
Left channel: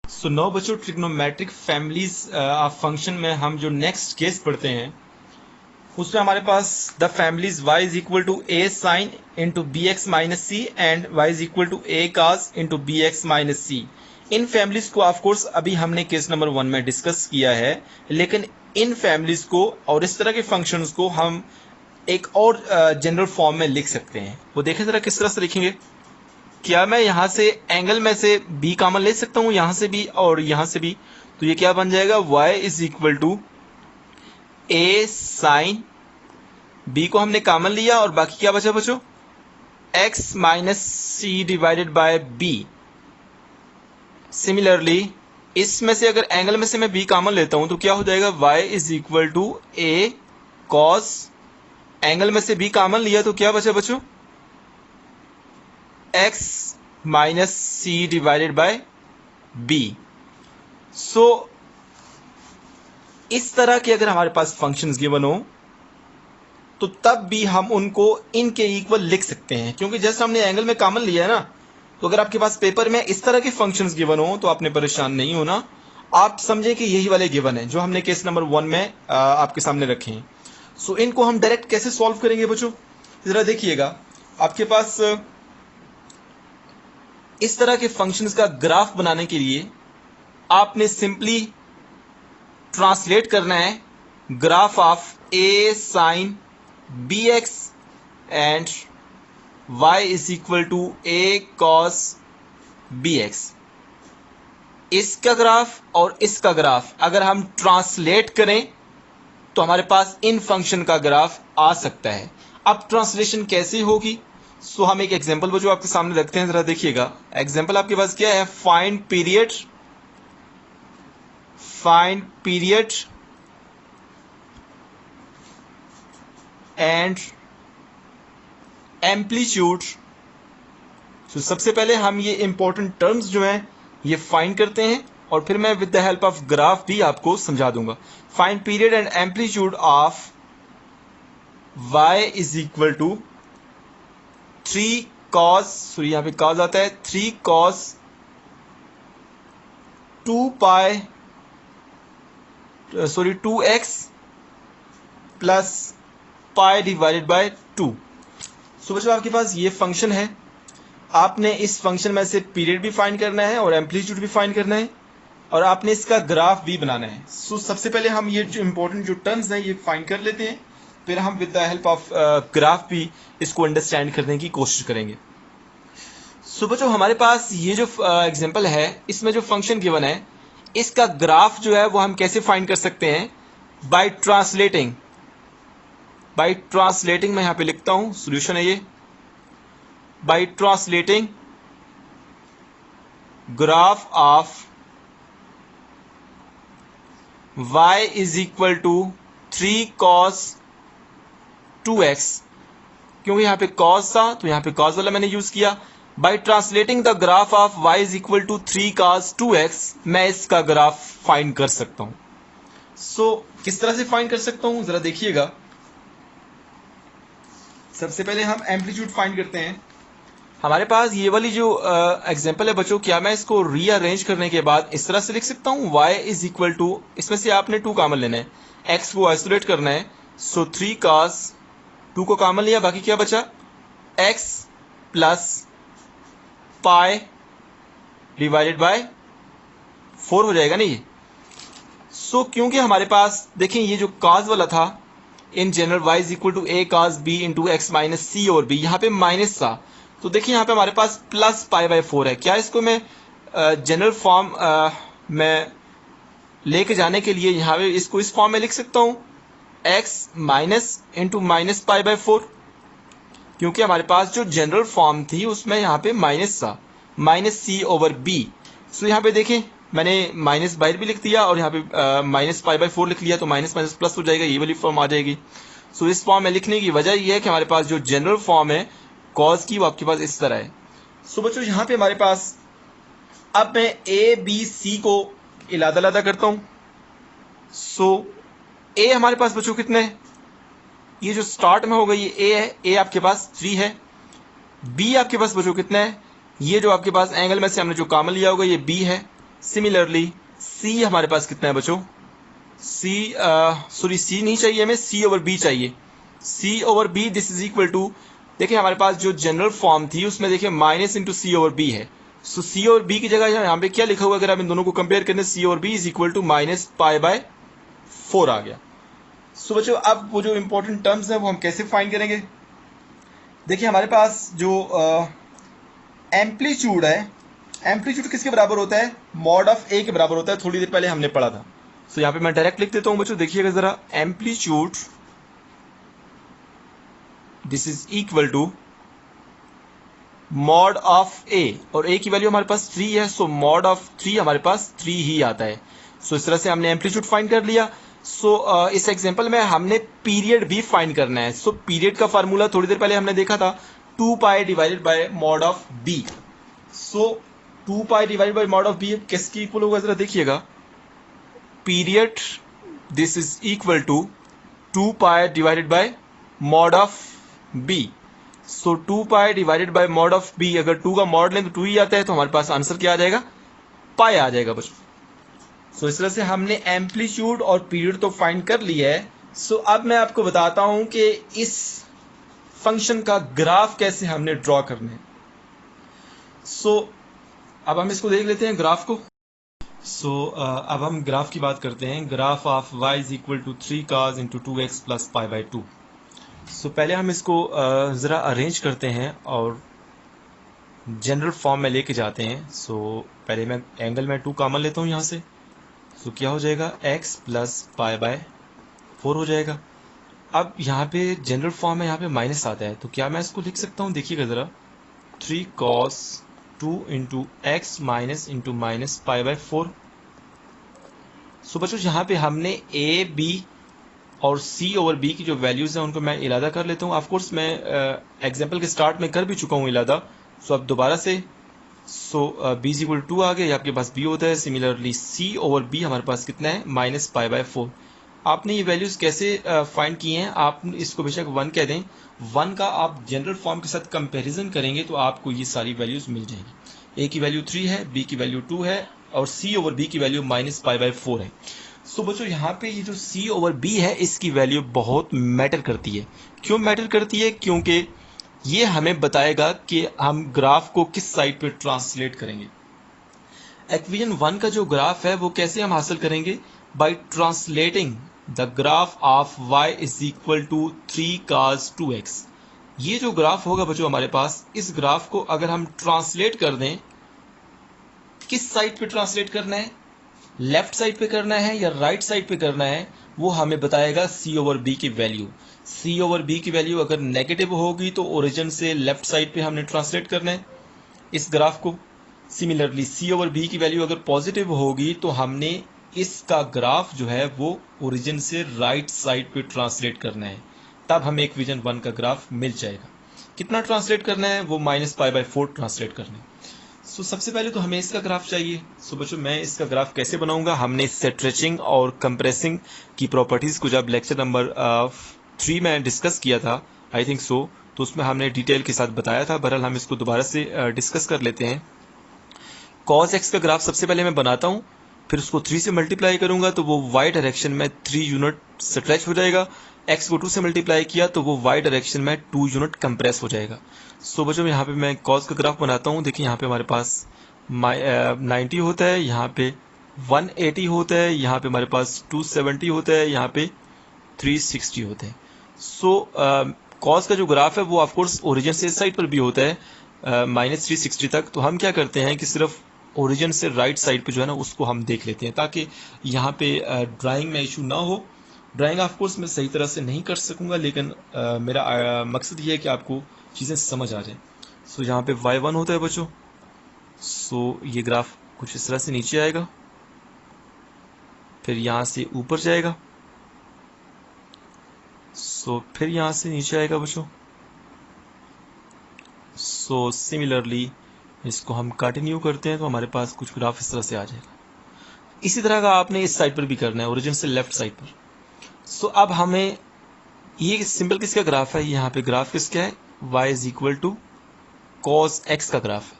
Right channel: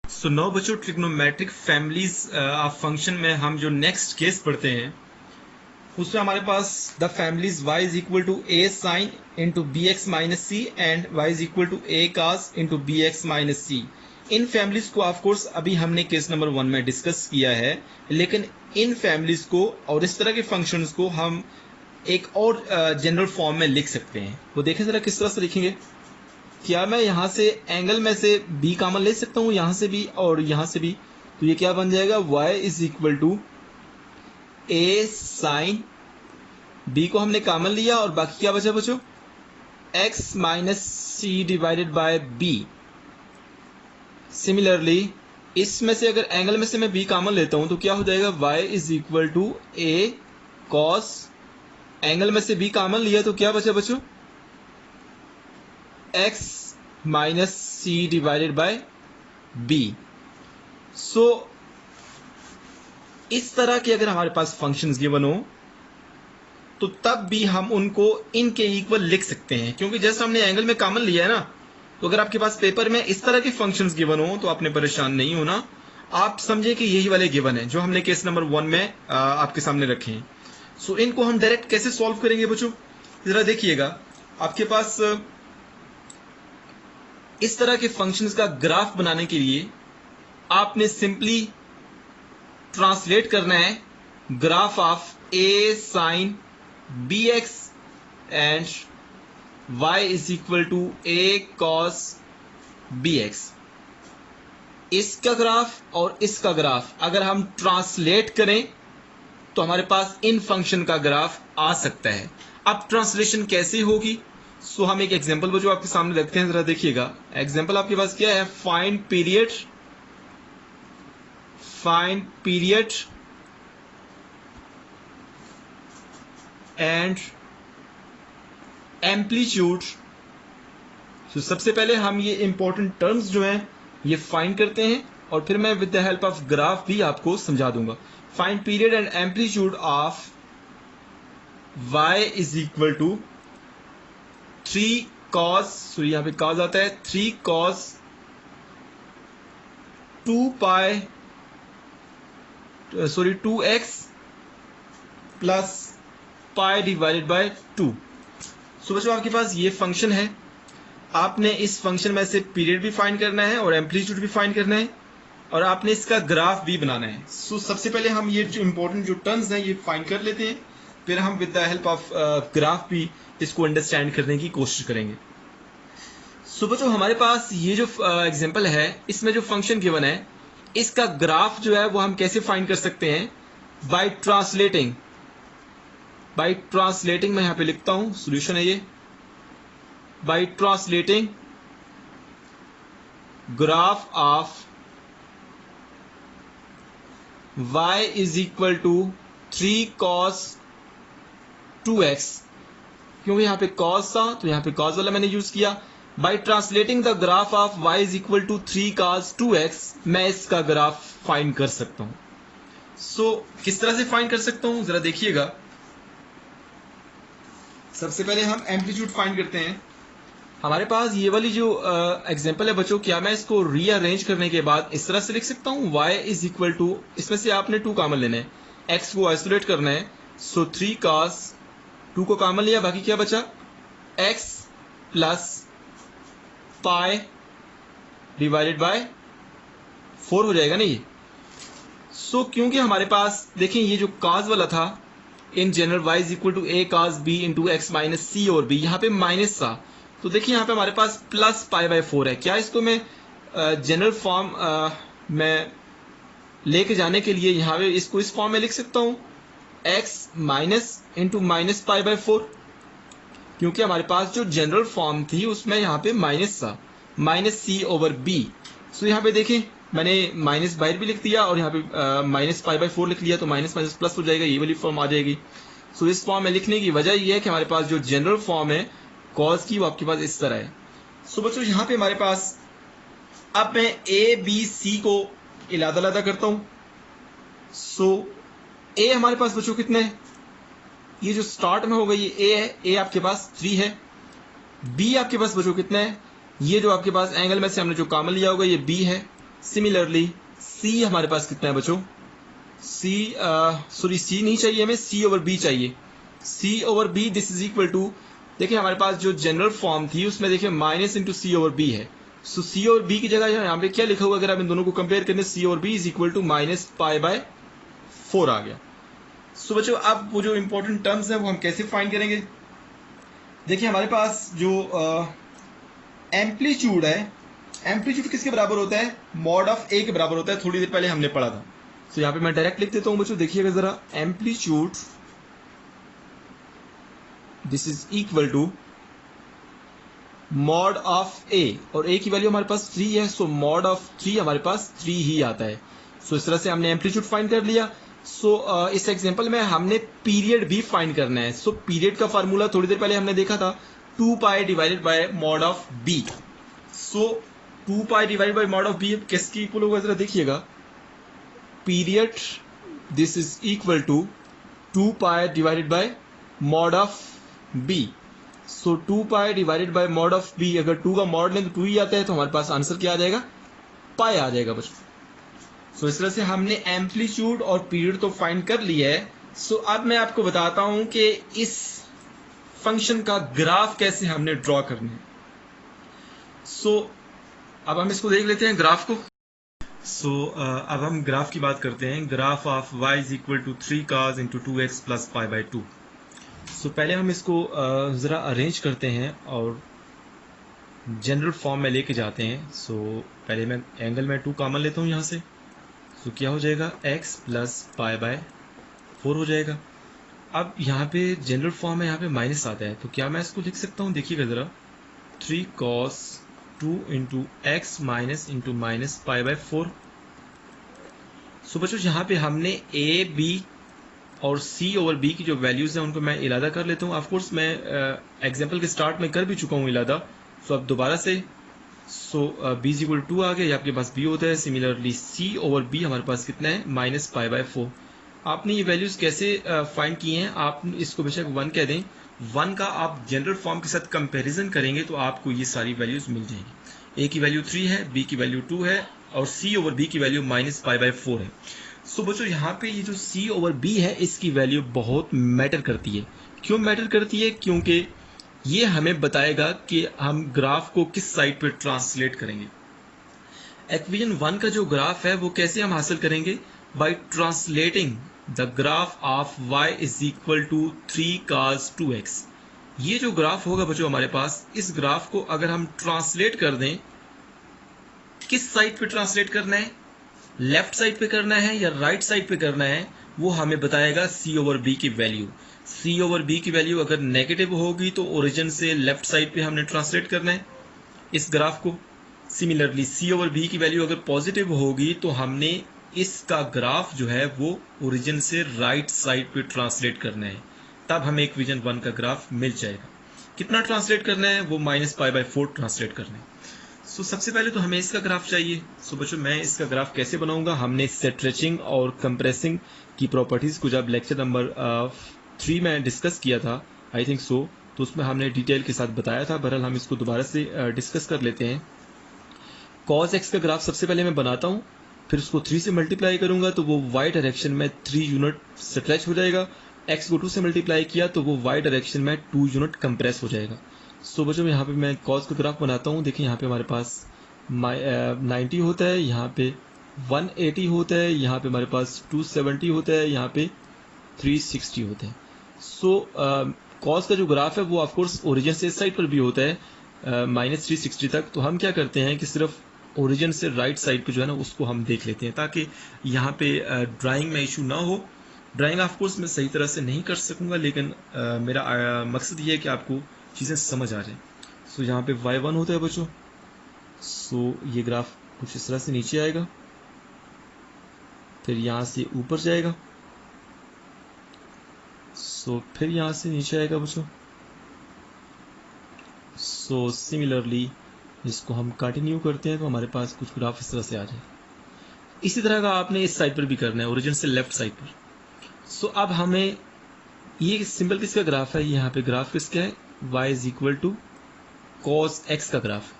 सो नो बच्चों, ट्रिग्नोमेट्रिक फैमिलीज ऑफ फंक्शन में हम जो नेक्स्ट केस पढ़ते हैं उसमें हमारे पास the families y is equal to a sine into b x minus c and y is equal to a cos into b x minus c. इन families को ऑफकोर्स अभी हमने केस नंबर 1 में डिस्कस किया है, लेकिन इन फैमिलीज को और इस तरह के फंक्शंस को हम एक और जनरल फॉर्म में लिख सकते हैं। वो देखें जरा किस तरह से लिखेंगे। क्या मैं यहाँ से एंगल में से b कॉमन ले सकता हूँ, यहाँ से भी और यहाँ से भी, तो ये क्या बन जाएगा, y is equal to a sine, b को हमने कॉमन लिया और बाकी क्या बचा बच्चों, x minus C divided by b। Similarly इसमें से अगर एंगल में से मैं b कॉमन लेता हूं तो क्या हो जाएगा, y is equal to a cos, angle में से b कॉमन लिया तो क्या बचा बच्चों, x minus C divided by b। So इस तरह के अगर हमारे पास फंक्शंस गिवन हो तो तब भी हम उनको इनके इक्वल लिख सकते हैं, क्योंकि जैसे हमने एंगल में कॉमन लिया है ना, तो अगर आपके पास पेपर में इस तरह के फंक्शंस गिवन हो तो आपने परेशान नहीं होना। आप समझें कि यही वाले गिवन है जो हमने केस नंबर 1 में आपके सामने रखे हैं। सो इनको हम डायरेक्ट कैसे सॉल्व करेंगे बच्चों, जरा देखिएगा। आपके पास इस तरह के फंक्शंस का ग्राफ बनाने के लिए आपने सिंपली ट्रांसलेट करना है graph of a sine B X and y is equal to a cos B X. इसका ग्राफ और इसका ग्राफ अगर हम ट्रांसलेट करें तो हमारे पास इन फंक्शन का ग्राफ आ सकता है। अब ट्रांसलेशन कैसे होगी, सो हम एक एग्जांपल जो आपके सामने रखते हैं, जरा देखिएगा। एग्जांपल आपके पास क्या है, फाइंड पीरियड एंड एम्पलीट्यूड। तो सबसे पहले हम ये इंपॉर्टेंट टर्म्स जो हैं ये फाइंड करते हैं और फिर मैं with the help of graph भी आपको समझा दूंगा। Find period and amplitude of y is equal to 3 cos, sorry यहाँ पे cos आता है 3 cos 2x plus pi divided by 2। So बच्चों आपके पास ये फंक्शन है, आपने इस फंक्शन में से पीरियड भी फाइंड करना है और एम्पलीट्यूड भी फाइंड करना है और आपने इसका ग्राफ भी बनाना है। सो सबसे पहले हम ये जो इंपॉर्टेंट जो टर्म्स हैं ये फाइंड कर लेते हैं, फिर हम with the help of graph भी इसको अंडरस्टैंड करने की कोशिश करेंगे। सो बच्चों हमारे पास ये जो एग्जांपल है, इसमें जो फंक्शन गिवन है इसका ग्राफ जो है वो हम कैसे फाइंड कर सकते हैं, बाय ट्रांसलेटिंग मैं यहां पे लिखता हूं, सॉल्यूशन है ये, by translating graph of y is equal to 3 cos 2x, क्योंकि यहां पे cos था तो यहां पे cos वाला मैंने यूज किया। By translating the graph of y is equal to 3 cos 2x मैं इसका ग्राफ फाइंड कर सकता हूं। सो किस तरह से फाइंड कर सकता हूं जरा देखिएगा। सबसे पहले हम एम्पलीट्यूड फाइंड करते हैं। हमारे पास ये वाली जो एग्जांपल है बच्चों, क्या मैं इसको रीअरेंज करने के बाद इस तरह से लिख सकता हूं, y इज इक्वल टू, इसमें से आपने 2 कॉमन लेना है, x को आइसोलेट करना है। सो 3 cos 2 को कॉमन लिया, बाकी क्या बचा, x plus pi divided bye 4 हो जाएगा नहीं ये। सो क्योंकि हमारे पास देखें ये जो cos वाला था, in general y is equal to a cos b into x minus c और b, यहाँ पे माइनस था तो देखिए यहाँ पे हमारे पास प्लस पाई बाय 4 है। क्या इसको मैं जनरल फॉर्म में लेके जाने के लिए यहाँ पे इसको इस फॉर्म में लिख सकता हूँ, x minus into minus pi by 4, क्योंकि हमारे पास जो जनरल फॉर्म थी उसमें यहाँ पे माइनस था, माइनस सी ओवर बी। सो यहाँ पे देखें मैंने माइनस बाहर भी लिख दिया और यहाँ पे माइनस पाई बाय 4 लिख लिया, तो माइनस माइनस प्लस हो जाएगा, ये वाली फॉर्म आ जाएगी। सो इस फॉर्म में लिखने की वजह ये है कि हमारे पास जो जनरल फॉर्म है कॉस की वो आपके पास इस तरह है। सो बच्चों यहाँ पे हमारे पास, अब मैं ए बी सी को इलादा करता हूँ। सो ए हमारे पास बच्चों कितने हैं, ये जो स्टार्ट में होगा ये ए है, ए आपके पास 3 है। बी आपके पास बच्चों कितने हैं, ये जो आपके पास एंगल में से हमने जो कॉमन लिया होगा ये बी है। सिमिलरली सी हमारे पास कितना है बच्चों, सी सॉरी सी नहीं चाहिए हमें, सी ओवर बी चाहिए। C over B this is equal to, देखिए हमारे पास जो जनरल फॉर्म थी उसमें देखिए minus into C over B है। सो सी ओवर बी की जगह यहाँ पे क्या लिखा हुआ, अगर आप इन दोनों को कंपेयर करें, C over B is equal to minus pi by 4 आ गया। सो बच्चों अब वो जो इंपॉर्टेंट टर्म्स हैं वो हम कैसे फाइंड करेंगे। देखिए हमारे पास जो एम्पलीट्यूड है, एम्पलीट्यूड किसके बराबर होता है, मॉड ऑफ ए के बराबर होता है, थोड़ी देर पहले हमने पढ़ा था। सो यहाँ पे मैं डायरेक्ट लिख देता हूँ बच्चों, देखिएगा जरा, amplitude this is equal to mod of A, और ए की वैल्यू हमारे पास 3 है, सो मॉड ऑफ 3 हमारे पास 3 ही आता है। सो इस तरह से हमने एम्पलीट्यूड फाइंड कर लिया। सो इस एग्जांपल में हमने पीरियड भी फाइंड करना है। सो पीरियड का फार्मूला थोड़ी देर पहले हमने देखा था, 2 pi divided by mod of B. So 2 pi divided by mod of B किसकी इक्वल होगा जरा देखिएगा, period this is equal to 2 pi divided by mod of B. So 2 pi divided by mod of B, अगर 2 का mod लें तो 2 ही आता है, तो हमारे पास आंसर क्या आ जाएगा, पाई आ जाएगा बच्चों। सो इस तरह से हमने एम्पलीट्यूड और पीरियड तो फाइंड कर लिया है। सो अब मैं आपको बताता हूं कि इस फंक्शन का ग्राफ कैसे हमने ड्रॉ करना है। सो अब हम इसको देख लेते हैं ग्राफ को। सो अब हम ग्राफ की बात करते हैं। Graph of y is equal to 3 cos into 2x plus pi by 2। So पहले हम इसको ज़रा अरेंज करते हैं और जनरल फॉर्म में लेके जाते हैं। सो पहले मैं एंगल में 2 कॉमन लेता हूँ यहाँ से। सो क्या हो जाएगा, x प्लस पाई बाय 4 हो जाएगा। अब यहाँ पे जनरल फॉर्म में यहाँ पे माइनस आता है, तो क्या मैं इसको लिख सकता हूँ, देखिएगा ज़रा, 3 cos 2 into x minus into minus pi by 4। सो बच्चों यहाँ पे हमने ए बी और सी ओवर बी की जो वैल्यूज़ हैं उनको मैं इलादा कर लेता हूँ। ऑफकोर्स मैं एग्जाम्पल के स्टार्ट में कर भी चुका हूँ इलादा। सो अब दोबारा से, सो बी इज इक्वल 2 आ गया, आपके पास बी होता है। सिमिलरली सी ओवर बी हमारे पास कितना है, माइनस पाई बाय 4। आपने ये वैल्यूज कैसे फाइंड किए हैं? आप इसको बेशक 1 कह दें, 1 का आप जनरल फॉर्म के साथ कंपैरिजन करेंगे तो आपको ये सारी वैल्यूज मिल जाएगी। ए की वैल्यू 3 है, बी की वैल्यू 2 है और सी ओवर बी की वैल्यू -π/4 है। सो बच्चों यहाँ पे ये जो सी ओवर बी है इसकी वैल्यू बहुत मैटर करती है। क्यों मैटर करती है? क्योंकि ये हमें बताएगा कि हम ग्राफ को किस साइड पे ट्रांसलेट करेंगे। इक्वेशन 1 का जो ग्राफ है वो कैसे हम हासिल करेंगे? By translating the graph of y is equal to 3 cos 2x। ये जो ग्राफ होगा बच्चों हमारे पास, इस ग्राफ को अगर हम ट्रांसलेट कर दें, किस साइड पे ट्रांसलेट करना है, लेफ्ट साइड पे करना है या राइट साइड पे करना है, वो हमें बताएगा सी ओवर बी की वैल्यू। सी ओवर बी की वैल्यू अगर नेगेटिव होगी तो ओरिजिन से लेफ्ट साइड पे हमने ट्रांसलेट करना है इस ग्राफ को। सिमिलरली सी ओवर बी की वैल्यू अगर पॉजिटिव होगी तो हमने इसका ग्राफ जो है वो ओरिजिन से राइट साइड पे ट्रांसलेट करना है, तब हमें इक्वेशन 1 का ग्राफ मिल जाएगा। कितना ट्रांसलेट करना है? वो -π/4 ट्रांसलेट करना है। सो सबसे पहले तो हमें इसका ग्राफ चाहिए। सो बच्चों मैं इसका ग्राफ कैसे बनाऊंगा? हमने स्ट्रेचिंग और कंप्रेसिंग की प्रॉपर्टीज को जब लेक्चर नंबर 3 में डिस्कस किया था, आई थिंक सो, तो उसमें हमने डिटेल के साथ बताया था। बहरहाल हम इसको दोबारा से डिस्कस कर लेते हैं। cos x का ग्राफ सबसे पहले मैं बनाता हूँ, फिर उसको 3 से मल्टीप्लाई करूंगा तो वो y डायरेक्शन में 3 यूनिट स्ट्रेच हो जाएगा। x को 2 से मल्टीप्लाई किया तो वो y डायरेक्शन में 2 यूनिट कंप्रेस हो जाएगा। सो बच्चों यहाँ पे मैं cos का ग्राफ बनाता हूँ। देखिए यहाँ पे हमारे पास 90 होता है, यहाँ पे 180 होता है, यहाँ पे हमारे पास 270 होता है, यहाँ पे 360 होते हैं। सो cos का जो ग्राफ है वो ऑफकोर्स ओरिजिन से इस साइड पर भी होता है -360 तक। तो हम क्या करते हैं कि सिर्फ ओरिजिन से राइट साइड पे जो है ना उसको हम देख लेते हैं, ताकि यहाँ पे ड्राइंग में इशू ना हो। ड्राइंग ऑफकोर्स मैं सही तरह से नहीं कर सकूंगा, लेकिन मेरा मकसद ये है कि आपको चीज़ें समझ आ जाए। सो यहाँ पे y1 होता है बच्चों। सो ये ग्राफ कुछ इस तरह से नीचे आएगा, फिर यहाँ से ऊपर जाएगा, सो फिर यहाँ से नीचे आएगा बच्चों। सो सिमिलरली इसको हम कंटिन्यू करते हैं तो हमारे पास कुछ ग्राफ इस तरह से आ जाएगा। इसी तरह का आपने इस साइड पर भी करना है, ओरिजिन से लेफ्ट साइड पर। सो अब हमें ये सिंपल किसका ग्राफ है? यहाँ पे ग्राफ किसका है? y is equal to cos x का ग्राफ है।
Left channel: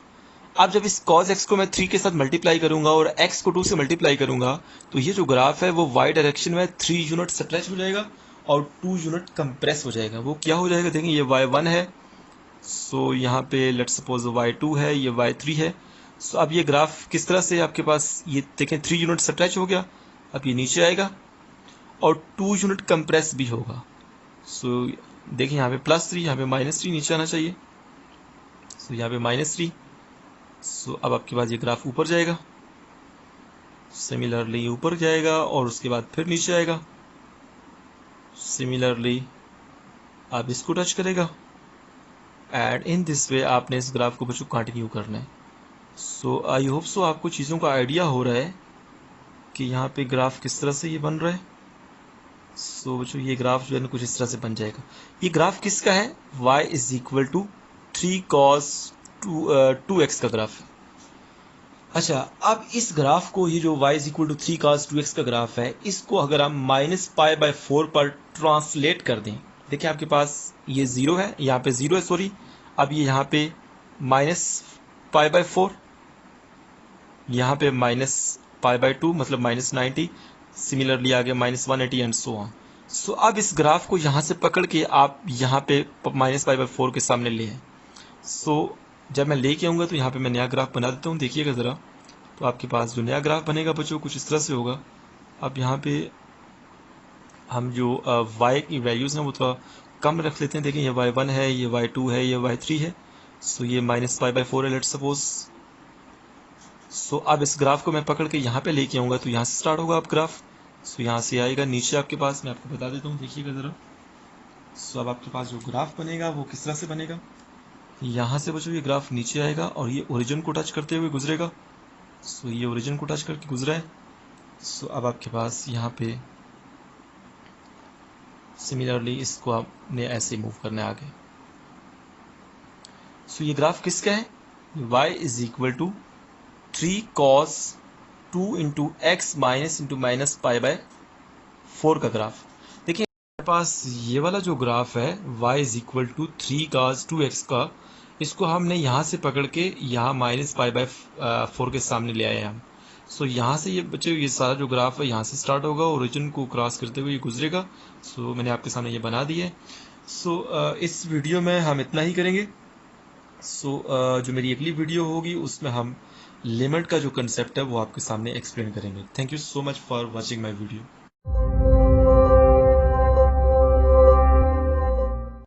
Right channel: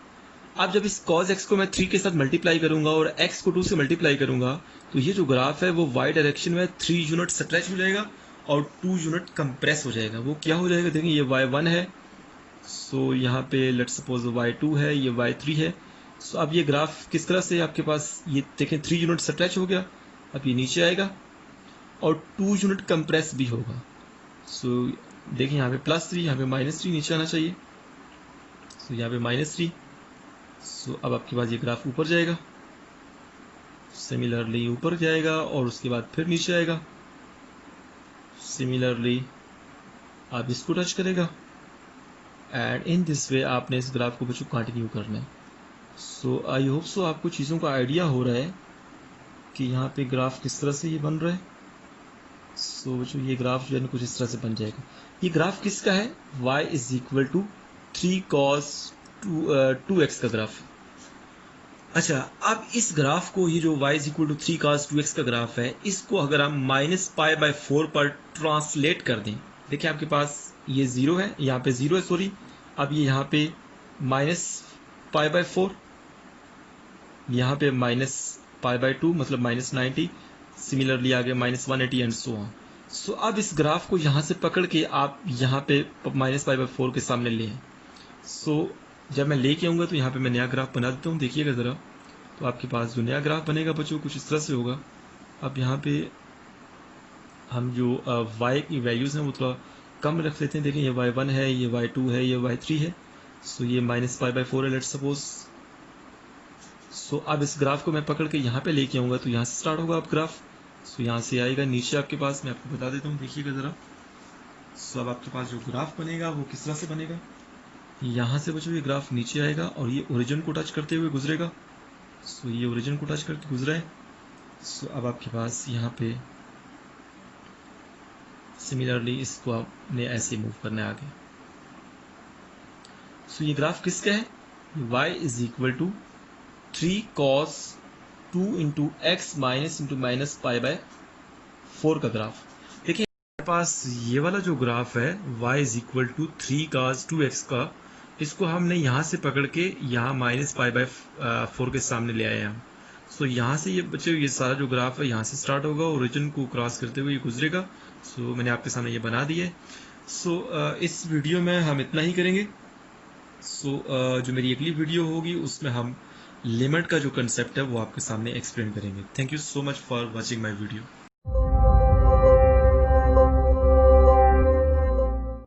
अब जब इस cos x को मैं 3 के साथ मल्टीप्लाई करूंगा और x को 2 से मल्टीप्लाई करूंगा तो ये जो ग्राफ है वो y डायरेक्शन में 3 यूनिट स्ट्रेच हो जाएगा और 2 यूनिट कंप्रेस हो जाएगा। वो क्या हो जाएगा? देखिए ये y1 है, सो यहाँ पे लेट्स सपोज y2 है, ये y3 है। सो अब ये ग्राफ किस तरह से आपके पास, ये देखें 3 यूनिट स्ट्रेच हो गया, अब ये नीचे आएगा और 2 यूनिट कंप्रेस भी होगा। सो देखिए यहाँ पे +3, यहाँ पे -3 नीचे आना चाहिए। सो यहाँ पे -3। सो अब आपके पास ये ग्राफ ऊपर जाएगा, सिमिलरली ऊपर जाएगा और उसके बाद फिर नीचे आएगा, सिमिलरली आप इसको टच करेगा एंड इन दिस वे आपने इस ग्राफ को बच्चों कंटिन्यू करना है। सो आई होप सो आपको चीज़ों का आइडिया हो रहा है कि यहाँ पे ग्राफ किस तरह से ये बन रहा है। सो बच्चों ये ग्राफ जो है कुछ इस तरह से बन जाएगा। ये ग्राफ किसका है? y is equal to 3 cos 2x का ग्राफ है। अच्छा, अब इस ग्राफ को, ये जो y is equal to 3 cos 2x का ग्राफ है, इसको अगर हम -π/4 पर ट्रांसलेट कर दें, देखिए आपके पास ये 0 है, यहाँ पे 0 है, सॉरी। अब ये यहाँ पे -π/4, यहाँ पे -π/2 मतलब -90, सिमिलरली आगे -180 एंड सो ऑन। सो अब इस ग्राफ को यहाँ से पकड़ के आप यहाँ पे -π/4 के सामने ले आए। सो जब मैं लेके आऊँगा तो यहाँ पे मैं नया ग्राफ बना देता हूँ, देखिएगा ज़रा। तो आपके पास जो नया ग्राफ बनेगा बच्चों कुछ इस तरह से होगा। अब यहाँ पे हम जो y की वैल्यूज़ हैं वो थोड़ा कम रख लेते हैं। देखिए ये y1 है, ये y2 है, ये y3 है। सो ये -π/4 है लेट्स सपोज। सो अब इस ग्राफ को मैं पकड़ के यहाँ पे लेके आऊँगा तो यहाँ से स्टार्ट होगा अब ग्राफ। सो यहाँ से आएगा नीचे आपके पास, मैं आपको बता देता हूँ, देखिएगा ज़रा। सो अब आपके पास जो ग्राफ बनेगा वो किस तरह से बनेगा? यहाँ से बच्चों ये ग्राफ नीचे आएगा और ये ओरिजिन को टच करते हुए गुजरेगा। सो ये ओरिजिन को टच करके गुजरा है। सो अब आपके पास यहाँ पे सिमिलरली इसको आपने ऐसे मूव करना है आगे। सो ये ग्राफ किसका है? y is equal to 3 cos 2 into x minus into -π/4 4 का ग्राफ। देखिए हमारे पास ये वाला जो ग्राफ है y is equal to 3 cos 2x का, इसको हमने यहाँ से पकड़ के यहाँ -π/4 के सामने ले आए हम। सो यहाँ से ये बच्चे ये सारा जो ग्राफ है यहाँ से स्टार्ट होगा, ओरिजिन को क्रॉस करते हुए ये गुजरेगा। सो मैंने आपके सामने ये बना दिए। सो इस वीडियो में हम इतना ही करेंगे। सो जो मेरी अगली वीडियो होगी उसमें हम लिमिट का जो कंसेप्ट है वो आपके सामने एक्सप्लेन करेंगे। Thank you so much for watching my video.